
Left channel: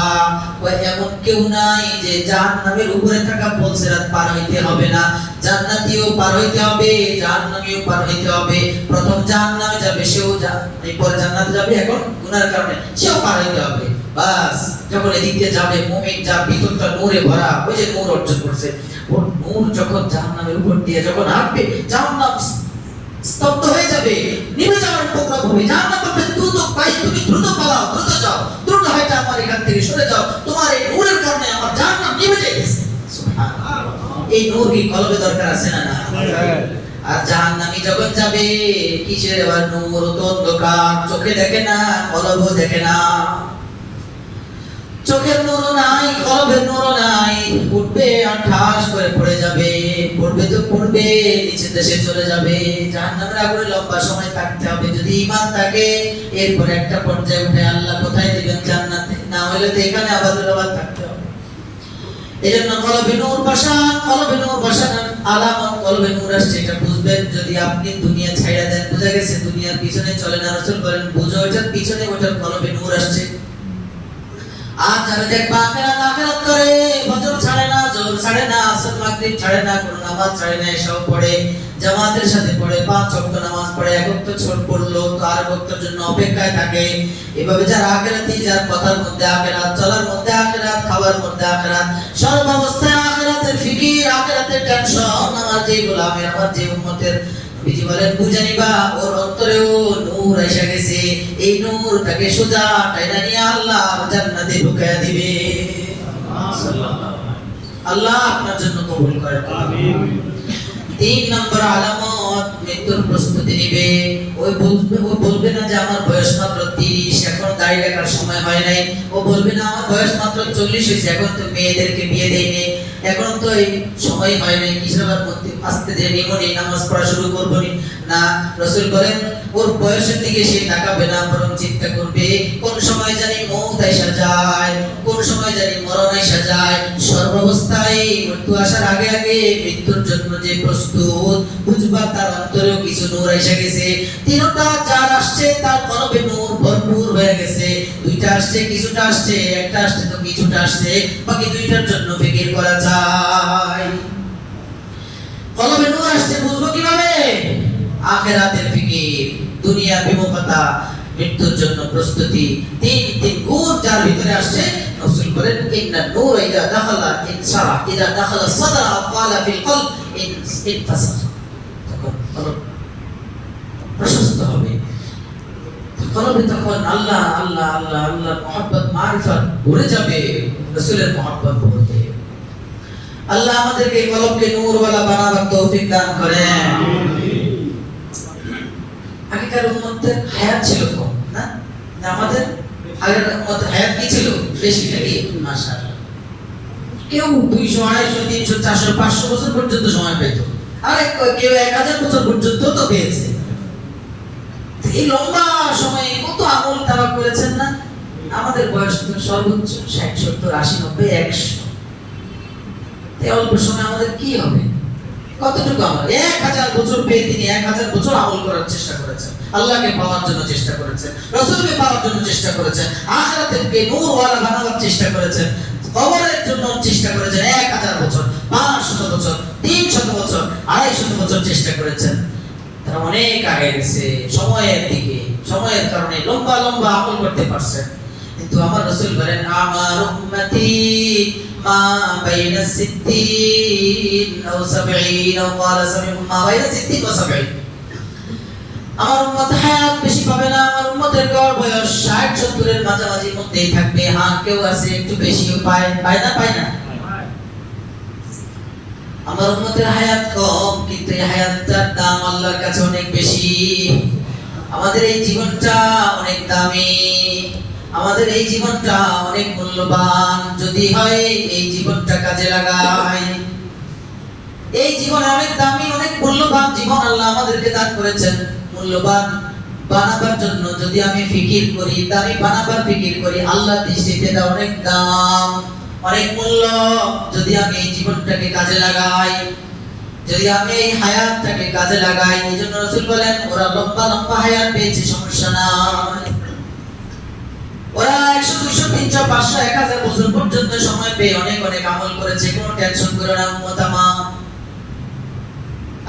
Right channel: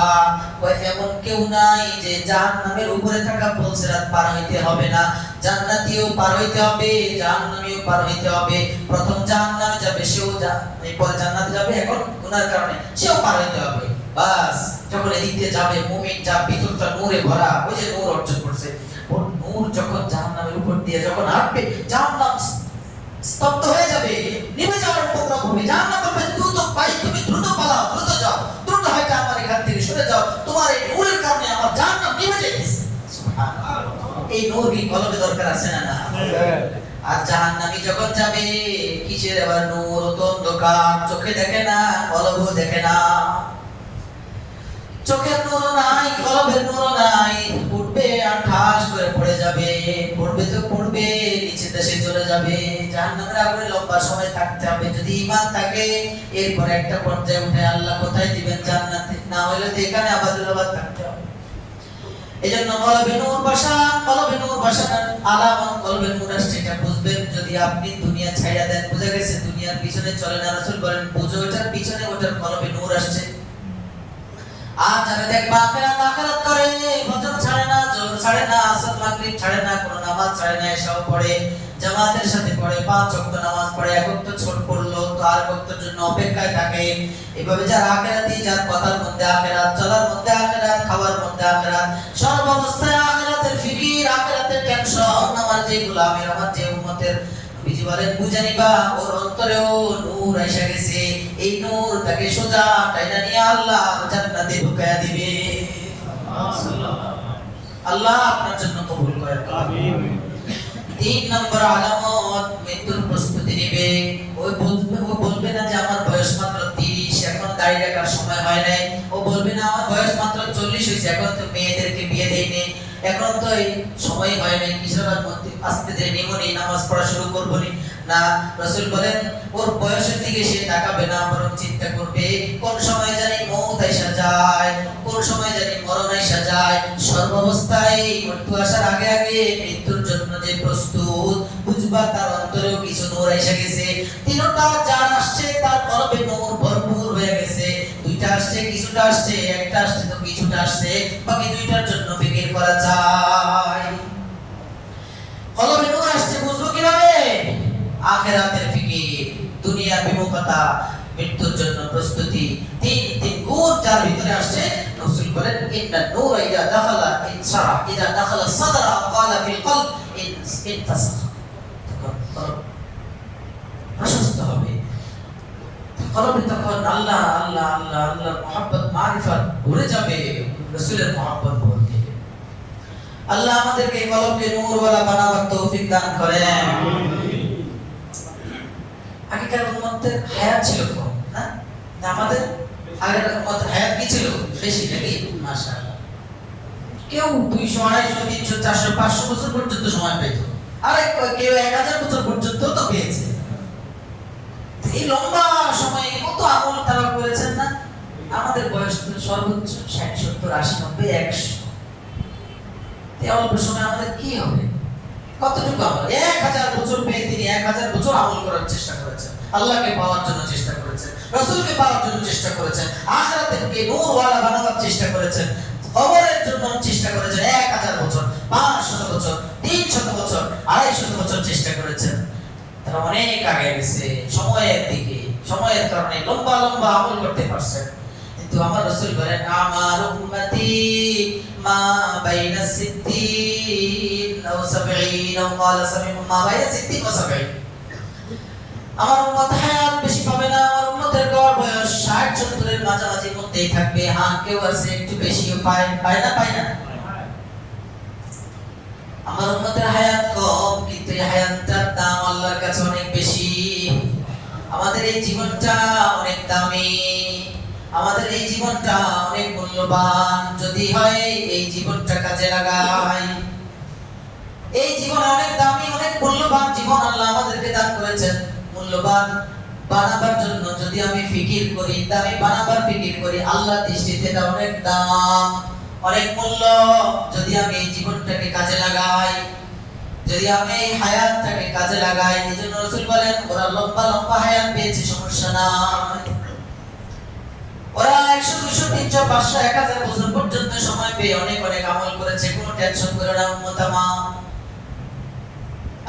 ওয়া এমন কেউ নাই যে জাহান্নামের উপরে থাকা পুলসিরাত পার হইতে হবে না। জান্নাতীও পার হইতে হবে, জাহান্নামীও পার হইতে হবে। প্রথম জাহান্নামে যাবে সেও, এরপর জান্নাতে যাবে, এখন গুনার কারণে সেও পার হইতে হবে। বাস যখন এদিকে যাবে, মুমিন যা ভিতরটা নূরে ভরা, ওই যে নূর অর্জন করছে, ওর নূর যখন জাহান্নামের উপর দিয়ে যখন হাঁটবে, জাহান্নাম স্তব্ধ হয়ে যাবে, নিভে যাওয়ার উপক্রম হবে। জাহান্নাম বলবে দ্রুত ভাই, তুমি দ্রুত পালাও, দ্রুত যাও, দ্রুত হয়তো আমার এখান থেকে সরে যাও, তোমার এই নূরের কারণে আমার জাহান্নাম নিভে যাইতেছে। সুবহানাল্লাহ, এই নূর কি কলবে দরকার আছে না? না। আর জাহান্নামী যখন যাবে, কিসের আবার নূর? তো অন্ধকার, চোখে দেখে না, কলবও দেখে না। চোখের নূর নাই, কলবের নূর নাই, উঠবে আর ঠাস করে পড়ে যাবে, পড়বে তো পড়বে, নিচে দেশে চলে যাবে। জাহান্নামের আগুনে লম্বা সময় থাকতে হবে। যদি ঈমান থাকে, এরপর একটা পর্যায়ে উঠে আল্লাহ কোথায় দিবেন? জান্নাতে। না হলে তো এখানে আবাদুল আবাদ থাকতে হবে। এজন্য কলবে নূর বসানোর আলামত কলবে নূর আসছে, এটা বুঝবেন যদি আপনি দুনিয়া ছাইড়া দেন। বুঝা গেছে দুনিয়ার পিছনে চলে না, রাসূল বলেন বুঝো ওটার পিছনে ওটার কলবে নূর আসছে। আর যারা দেখবা আখিরাত করে, ফজর ছাড়ে না, যোহর ছাড়ে না, আসর মাগরিব ছাড়ে না, কোন নামাজ ছাড়ে না, এসব পড়ে, জামাতের সাথে পড়ে, 5 ওয়াক্ত নামাজ পড়ে, এক ওয়াক্ত ছোট পড়লো তো আর ওয়াক্তের জন্য অপেক্ষায় থাকে। এভাবে যারা আখিরাতি, যার কথার মধ্যে আখিরাত, চলার মধ্যে আখিরাত, খাবার মধ্যে আখিরাত, সর্বাবস্থায় আখিরাতের ফিকির, আখিরাতের টেনশন, আমার যে গোলামের, আমার যে উম্মতের, নবীজি বলেন বুঝে নিবা ওর অন্তরেও নূর এসে গেছে, এই নূরটাকে সোজা টাইনা নিয়ে আল্লাহ জান্নাতে ঢুকায়া দিবে। আল্লাহ আপনার জন্য কবুল করেন, আমিন। 3 নম্বর আলামত, মৃত্যুর প্রস্তুতি নিবে। ও বলবে না যে আমার বয়স মাত্র 30, এখন দাড়ি রাখার সময় হয় নাই। ও বলবে না আমার বয়স মাত্র 40 হয়েছে, এখন তো মেয়েদেরকে বিয়ে দেইনি, এখন তো এই সময় হয় নাই, কিসের মধ্যে আস্তে ধীরে নিমনি নামাজ পড়া শুরু করবো নি। না, রাসূল বলেন ওর বয়সের দিকে সে তাকাবে না, বরং চিন্তা করবে কোন সময় জানি মওত আইসা যায়, কোন সময় জানি মরণ আইসা যায়। সর্বাবস্থায় মৃত্যু আসার আগে আগে মৃত্যুর জন্য যে প্রস্তুত, বুঝবা তার অন্তরেও কিছু নূর আইসা গেছে। তিনটা চার আসছে, তার কলবে নূর ভরপুর হয়ে গেছে। দুইটা আসছে, কিছুটা আসছে, একটা আসছে তো কিছুটা আসছে, বাকি দুইটার জন্য ফিকির করা যায়। কলবে নূর আসছে বুঝবো কিভাবে? আখিরাতের ফিকির, দুনিয়ার বিমুখতা, মৃত্যুর জন্য প্রস্তুতি। তিন গুণ যার ভিতরে আসছে, রাসূল বলেন ইন্না নূর ইযা দাখালা ইনসারা, ইযা দাখালা সাদরা ক্বালা ফিল কলব ইনতাসাখ। তখন কলব প্রশস্ত হবে, কলবে তখন আল্লাহ আল্লাহ আল্লাহ আল্লাহ মুহাব্বত মারিফাত ভরে যাবে, রাসূলের মুহাব্বত বলতে। আল্লাহ আমাদেরকে কলবকে নূরওয়ালা বানাবার তৌফিক দান করেন। আগেকার উম্মতের হায়াত ছিল কম, না? আমাদের আগের উম্মতের হায়াত কি ছিল? বেশি নাকি? মাশাআল্লাহ। কেউ 200, 250, 300, 400, 500 বছর পর্যন্ত সময় পেত, আর কেউ 1000 বছর পর্যন্ত তো পেয়েছে। এই লম্বা সময়ে কত আমল তারা করেছেন না? আমাদের বয়স তো সর্বোচ্চ 60, 70, 80, 90, 100। এই অল্প সময় আমাদের কি হবে? কতটুকু আমল? 1000 বছর পেয়ে তিনি 1000 বছর আমল করার চেষ্টা করেছেন, আল্লাহকে পাওয়ার জন্য চেষ্টা করেছেন, রাসূলকে পাওয়ার জন্য চেষ্টা করেছেন, আখিরাতকে নূরওয়ালা বানাবার চেষ্টা করেছেন, কবরের জন্য চেষ্টা করেছেন। 1000 বছর, 500 বছর, 300 বছর, 250 বছর চেষ্টা করেছেন। তারা অনেক আগে গেছে সময়ের দিকে, সময়ের কারণে লম্বা লম্বা আমল করতে পারছেন। কিন্তু আমার রাসূল বলেন আমার উম্মতি মা বাইনা 60 আও 70 আও ক্বালা 70, মা বাইনা 60 ওয়া 70। আমার উম্মত হায়াত বেশি পাবে না, আমার উম্মতের গড় বয়স 60-70 এর মাঝামাঝি মধ্যেই থাকবে। হ্যাঁ, কেউ আছে একটু বেশিও পায়, পায় না? আমার উম্মতের হায়াত কম, কিন্তু এই হায়াতটার দাম আল্লাহর কাছে অনেক বেশি। আমাদের এই জীবনটা অনেক দামি, আমাদের এই জীবনটা অনেক মূল্যবান। যদি হয় এই জীবনটা কাজে লাগাই, এই জীবনে অনেক দামি, অনেক মূল্যবান জীবন আল্লাহ আমাদেরকে দান করেছেন। মূল্যবান বানাবার জন্য যদি আমি ফিকির করি, দামি বানাবার ফিকির করি, আল্লাহর দৃষ্টিতে এটা অনেক দাম, অনেক মূল্য। যদি আমি এই জীবনটাকে কাজে লাগাই, যদি আমি এই হায়াতটাকে কাজে লাগাই, এইজন্য রাসূল বলেন ওরা লম্বা লম্বা হায়াত পেয়েছে, সমস্যা নাই। ওরা 100, 200, 300, 500, 1000 বছর পর্যন্ত সময় পেয়ে অনেক অনেক আমল করেছে, কোনো টেনশন করে না উম্মত আমার।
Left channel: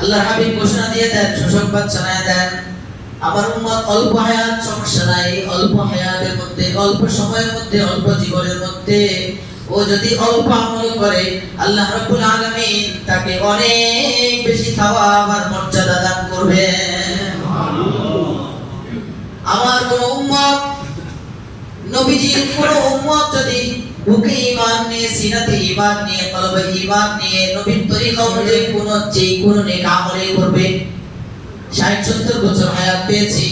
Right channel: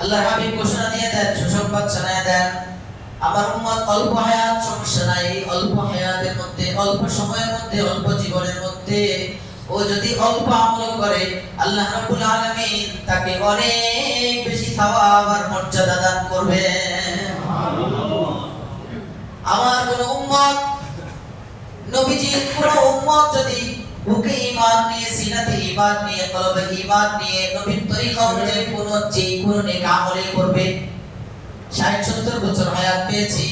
আল্লাহর হাবিব ঘোষণা দিয়ে দেন, সুসংবাদ শোনায় দেন, আমার উম্মত অল্প হায়াত, সমস্যা নাই। অল্প হায়াতের মধ্যে, অল্প সময়ের মধ্যে, অল্প জীবনের মধ্যে ও যদি অল্প আমল করে, আল্লাহ রাব্বুল আলামিন তাকে অনেক বেশি সওয়াব আর মর্যাদা দান করবেন। আমার কোন উম্মত, নবীজির কোন উম্মত যদি বুকে ঈমান নিয়ে, সিনাতে ঈমান নিয়ে, কলবে ঈমান নিয়ে নবীর তরিকা অনুযায়ী কোন নেক আমল করবে, 60-70 বছর হায়াত পেয়েছি,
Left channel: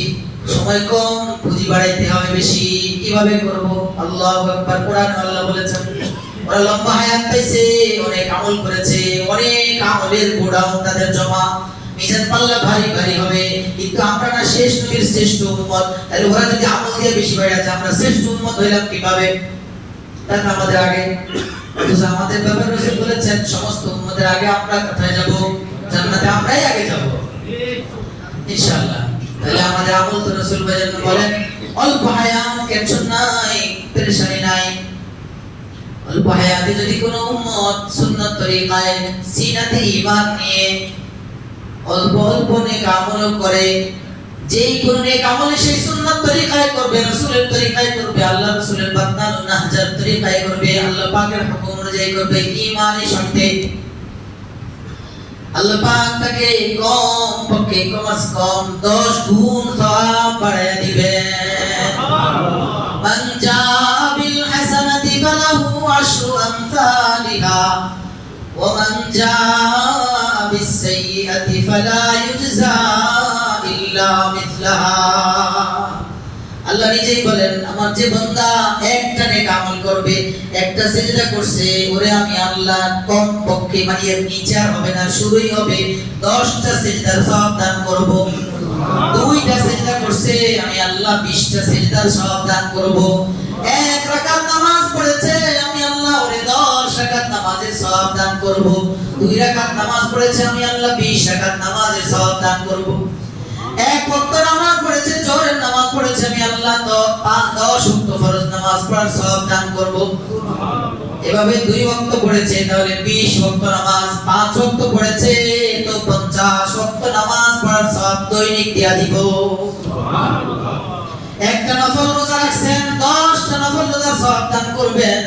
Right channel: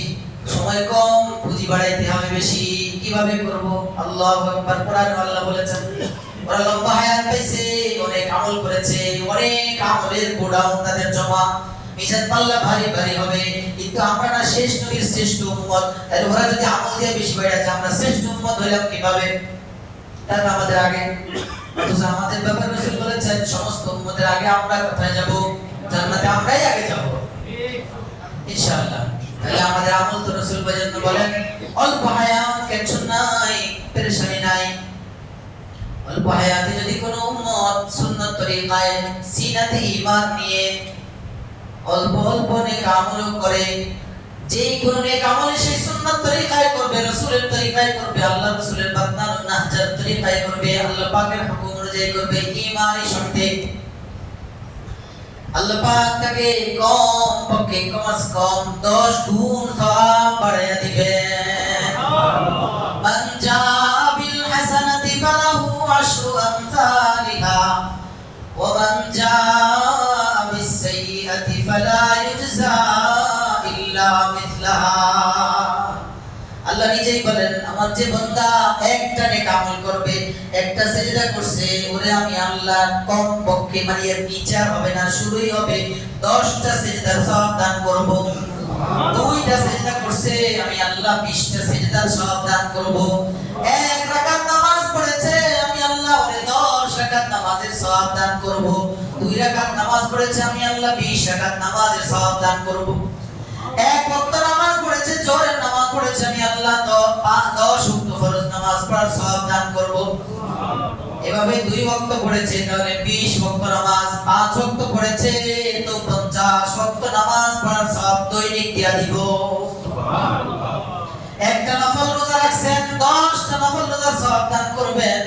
সময় কম, পুঁজি বাড়াইতে হবে বেশি, কিভাবে করব? আল্লাহু আকবার। কোরআনে আল্লাহ বলেছেন ওরা লম্বা হায়াত পাইছে, অনেক আমল করেছে, অনেক আমলের গোডাউন তাদের জমা, মিজান পাল্লা ভারী ভারী হবে। কিন্তু আমরা না শেষ নবীর শ্রেষ্ঠ উম্মত, তাহলে ওরা যদি আমল দিয়ে বেশি বাড়াচ্ছে, আমরা শ্রেষ্ঠ উম্মত হইলাম কিভাবে? তাহলে আমাদের আগে অথচ আমাদের ব্যাপারে রাসূল বলেছেন সমস্ত উম্মতের আগে আমরা কোথায় যাব? জান্নাতে আমরাই আগে যাব ইনশাআল্লাহ। তাহলে আমাদের আমল তো রাসূল বাজান বলেন অল্প হায়াত টেনশন নাই, পেরেশানি নাই। অল্প হায়াতে যদি কোনো উম্মত সুন্নাত তরিকায় সিনাতে ঈমান নিয়ে অল্প অল্প নেক আমল করে, যেই কোন নেক আমল সেই সুন্নাত তরিকায় করবে, রাসূলের তরিকায় করবে, আল্লাহ রাসূলের বান্দার নাহজার তরিকায় করবে, আল্লাহ পাকের হুকুম অনুযায়ী করবে ঈমানের সাথে, আল্লাহ পাক তাকে কম পক্ষে কম 10 গুণ সওয়াব বাড়িয়ে দিবেন। মান জাআ বিল হাসানাতি ফালাহু আশরু আমসালিহা ওয়া মান জাআ বিস সাইয়্যাতি ফালা ইউজজা ইল্লা মিথলাহা। আল্লাহ নিজেই বলেন আমার যে বান্দা একটা নেক আমল করবে, একটা সিজদা করছে, ওরে আমি আল্লাহ কম পক্ষে মানে এর নিচে হবে না, শুরুই হবে 10টা সিজদার সওয়াব দান করব। দুইটা সিজদা করছে আমি আল্লাহ 20টা সিজদার সওয়াব দান করব। এক রাকাত নামাজ পড়েছে আমি আল্লাহ ওরে 10 রাকাত নামাজের সওয়াব দান করব। দুই রাকাত নামাজ পড়েছে আমি আল্লাহ 20 রাকাত নামাজের সওয়াব দান করব। এক ওয়াক্ত নামাজ পড়েছে, জোহরের নামাজ পড়েছে আমি আল্লাহ 10 ওয়াক্ত ফরজ নামাজ পড়ার সওয়াব দান করব। এভাবে 2 ওয়াক্ত পড়েছে তাহলে 20 ওয়াক্ত নামাজ, 5 ওয়াক্ত পড়েছে তো 50 ওয়াক্ত নামাজ পড়ার সওয়াব দৈনিক দিয়া দিব। একটা নফল রোজা রাখছেন 10টা নফল রোজার সওয়াব দান করবেন।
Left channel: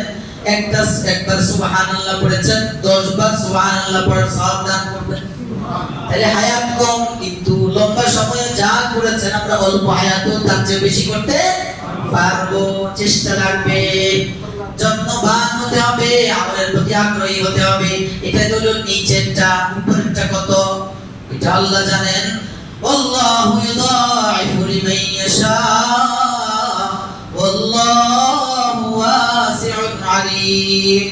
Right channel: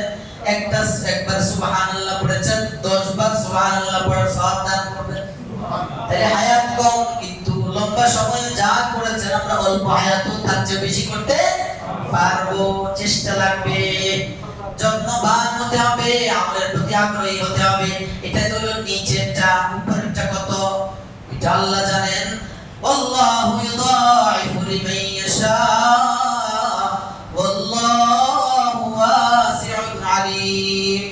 একবার সুবহানাল্লাহ পড়েছেন 10 বার সুবহানাল্লাহ পড়ার সওয়াব দান করবেন। তাহলে হায়াত কম কিন্তু লম্বা সময়ে যা করেছেন আমরা অল্প হায়াতও তার চেয়ে বেশি করতে পারবো। চেষ্টা লাগবে, যত্নবান হতে হবে, আমলের প্রতি আগ্রহী হতে হবে। এটা হলো নিচেরটা, উপরেরটা কত এটা আল্লাহ জানেন। আল্লাহু ইউদাইফু লিমান ইয়াশা ওয়াল্লাহু ওয়াসিউন আলীম।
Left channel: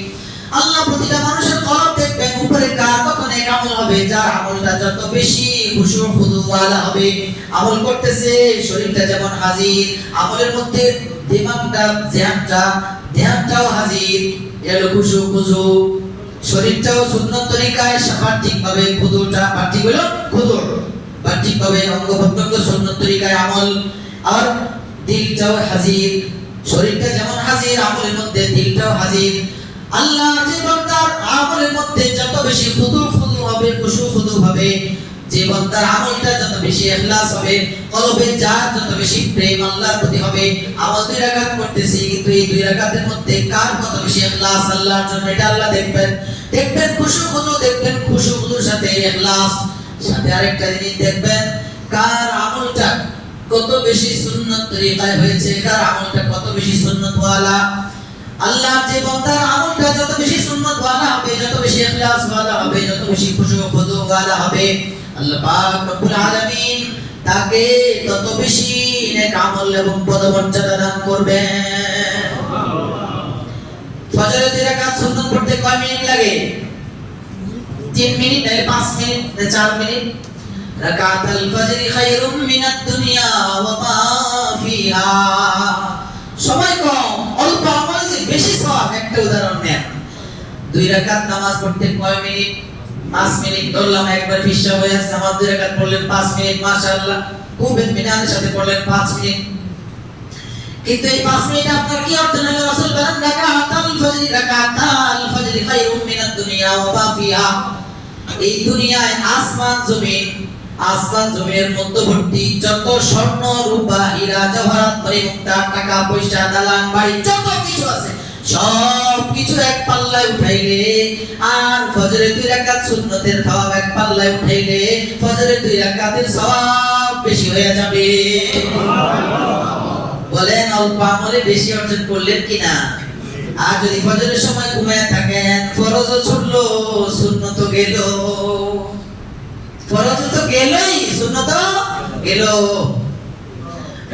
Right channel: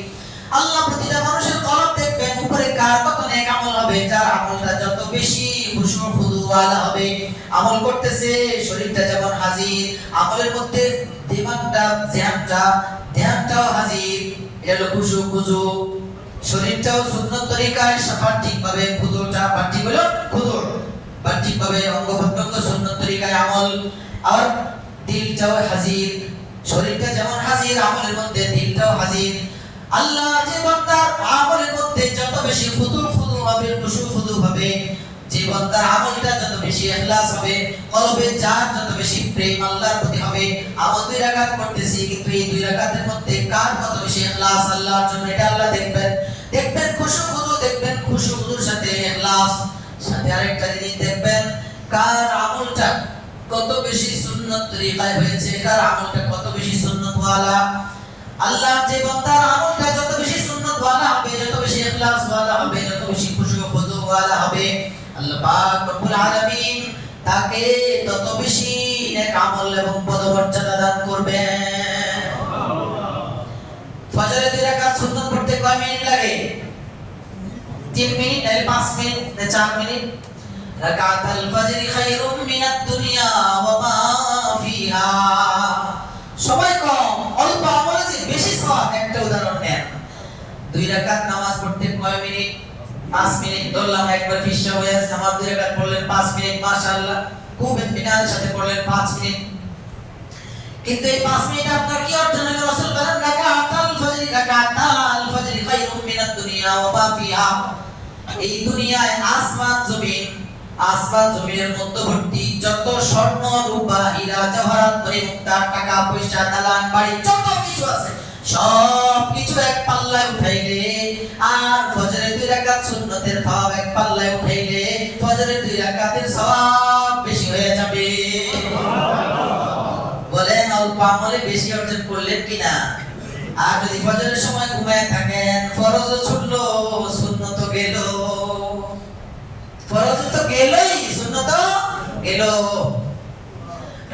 আল্লাহ প্রতিটা মানুষের কলব দেখবেন উপরে কার কত নেক আমল হবে, যার আমলটা যত বেশি খুশু খুদু ওয়ালা হবে, আমল করতেছে শরীরটা যেমন হাজির, আমলের মধ্যে দিমাগটা ধ্যানটাও হাজির, এটা হলো খুশু খুজু। শরীরটাও সুন্নাত তরিকায় সঠিকভাবে খুদুটা বাহ্যিক হলো খুদু, বাহ্যিকভাবে অঙ্গ প্রত্যঙ্গ সুন্নাত তরিকায় আমল। আর দিলটাও হাজির, শরীরটা যেমন হাজির আমলের মধ্যে দিলটাও হাজির। আল্লাহ যে বান্দার আমলের মধ্যে যত বেশি খুদু হবে, খুশু খুদু হবে, যে বান্দার আমলটা যত বেশি ইখলাস হবে, কলবে যার যত বেশি প্রেম আল্লাহর প্রতি হবে। আমল 2 রাকাত করতেছি কিন্তু এই 2 রাকাতের মধ্যে কার কত বেশি ইখলাস আল্লাহর জন্য এটা আল্লাহ দেখবেন। দেখবেন খুশু খুদু, দেখবেন খুশু খুদুর সাথে ইখলাস, সাথে আরেকটা জিনিস দেখবেন কার আমলটা কত বেশি সুন্নাত তরিকায় হয়েছে, কার আমলটা কত বেশি সুন্নাত ওয়ালা। আল্লাহ যে বান্দার আমলটা যত বেশি সুন্নাত ওয়ালা হবে, যত বেশি ইখলাস ওয়ালা হবে, যত বেশি খুশু খুদু ওয়ালা হবে, আল্লাহ পাক রব্বুল আলামিন তাকে তত বেশি নেক আমল এবং পদমর্যাদা দান করবেন। ফজরের 2 রাকাত সুন্নাত পড়তে কয় মিনিট লাগে? 3 মিনিট নাকি 5 মিনিট না 4 মিনিট? রাকাতুল ফজরি খায়রুম মিনাদ দুনিয়া ওয়া মা ফিহা। সময় কম, অল্প আমল বেশি সওয়াব। একটা উদাহরণ নেন, 2 রাকাত নামাজ পড়তে কয় মিনিট? 5 মিনিট ধরলাম। একবার ফিশা হয়ে নামাজ 2 রাকাত পড়লেন 5 মিনিট, মাশাআল্লাহ খুব ইতমিনানের সাথে পড়লেন 5 মিনিট। কিন্তু এই 5 মিনিট আপনার কি অর্থ হলো? রাসূল বলেন রাকাতুল ফজরি খায়রুম মিনাদ দুনিয়া ওয়া মা ফিহা। এই দুনিয়ায় আসমান জমির মধ্যবর্তী যত স্বর্ণ রূপা হীরা জওহরাত মুক্তা টাকা পয়সা দালান বাড়ি যত কিছু আছে সব কিছু এক পাল্লায় উঠাইলে, আর ফজরের 2 রাকাত সুন্নতের সওয়াব এক পাল্লায় উঠাইলে ফজরের 2 রাকাতের সওয়াব বেশি হয়ে যাবে। বলেন অল্প আমলে বেশি অর্জন করলেন কিনা? আর যদি ফজরের সময় ঘুমায় থাকেন, ফরজও ছুটলো, সুন্নতও গেল। ফরজ তো গেলই, সুন্নাত গেল।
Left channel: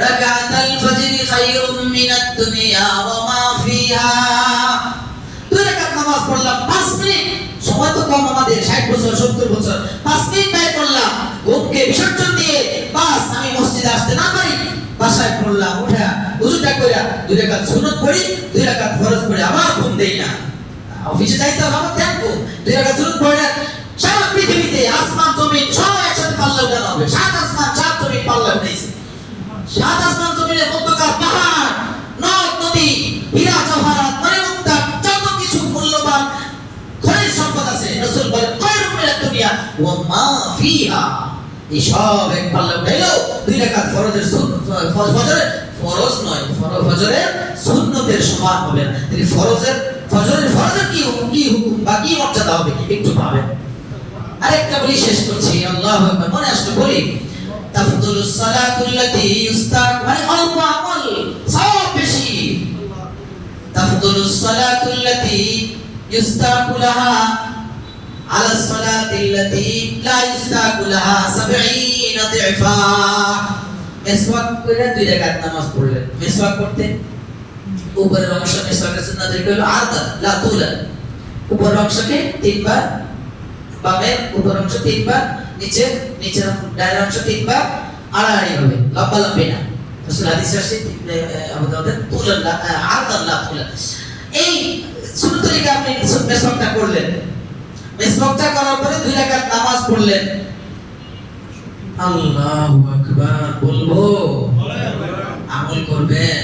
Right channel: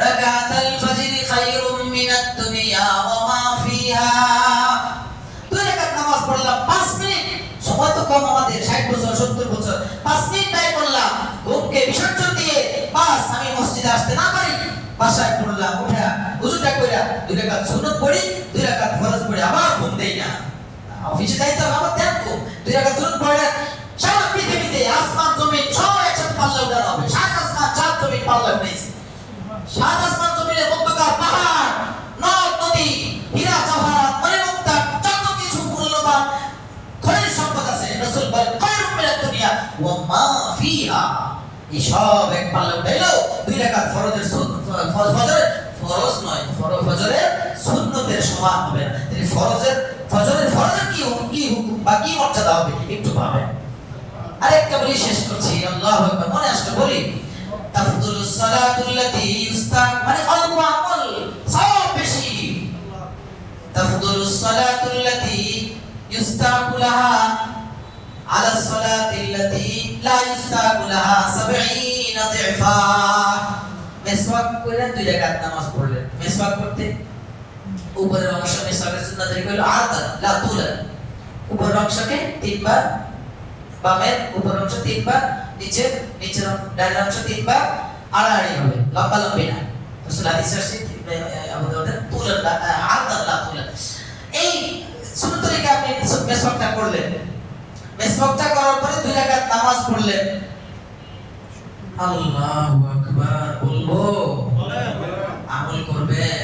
রাকাতুল ফজরি খায়রুম মিনাদ দুনিয়া ওয়া মা ফিহা। 2 রাকাত নামাজ পড়লাম 5 মিনিট, সময় তো কম আমাদের, 60 বছর 70 বছর, 5 মিনিট ব্যয় করলাম ঘুমকে বিসর্জন দিয়ে, বাস আমি মসজিদে আসতে না পারি, বাসায় পড়লাম, উঠা ওযুটা কইরা 2 রাকাত সুন্নাত পড়ি, 2 রাকাত ফরজ পড়ি, আবার ঘুম দেই না। অফিসে যাইতে হবে আমার দেখবো 2 রাকাত সুন্নত পড়ে সারা পৃথিবীতে আসমান জমিন সব একসাথে পাল্লা উঠানো হবে। 7 আসমান 7 জমিন পাল্লা উঠাইছে। 7 আসমান জমিনের মধ্যকার পাহাড় নদ নদী হীরা জওহরাত মণিমুক্তা যত কিছু মূল্যবান খনিজ সম্পদ আছে রাসূল বলেন খায়রুম মিনাদ দুনিয়া ওয়া মা ফিহা, এই সব এক পাল্লা উঠাইলো 2 রাকাত ফরজের ফজরের ফরজ নয়, ফজরের সুন্নতের সমান হবে না। তাহলে ফজরের কি হুকুম বা কি মর্যাদা হবে একটু পাবেন। আরেকটা বলি শেষ করছি, আল্লাহু আকবার, মনে আসলে বলি তাফদুলুস সালাতুল্লাতী ইউস্তাক, মানে অল্প আমল সব বেশি। তাফদুলুস সালাতুল্লাতী ইউস্তাকু লাহা আলা সালাতিল্লাতী লা ইউস্তাকু লাহা 70 দিফা। মেসওয়াক করে 2 রাকাত নামাজ পড়লেন, মেসওয়াক করতে উপরের অংশ মেসওয়াকের সুন্নাত হলো আরদান লা তুলান, উপরের অংশকে 3 বার, বামের উপরের অংশ 3 বার, নিচের ডানের অংশ 3 বার, আড়াআড়ি হবে, লম্বা লম্বি না। রাসূল হাদিসে আসছে আবু দাউদের তুলান আরদান লা তুলান। এই সুন্নাত তরিকা আপনি মেসওয়াকটা করলেন, মেসওয়াকটা করার পরে 2 রাকাত নামাজ পড়লেন, আল্লাহু আকবার বলবো, আমল করবেন।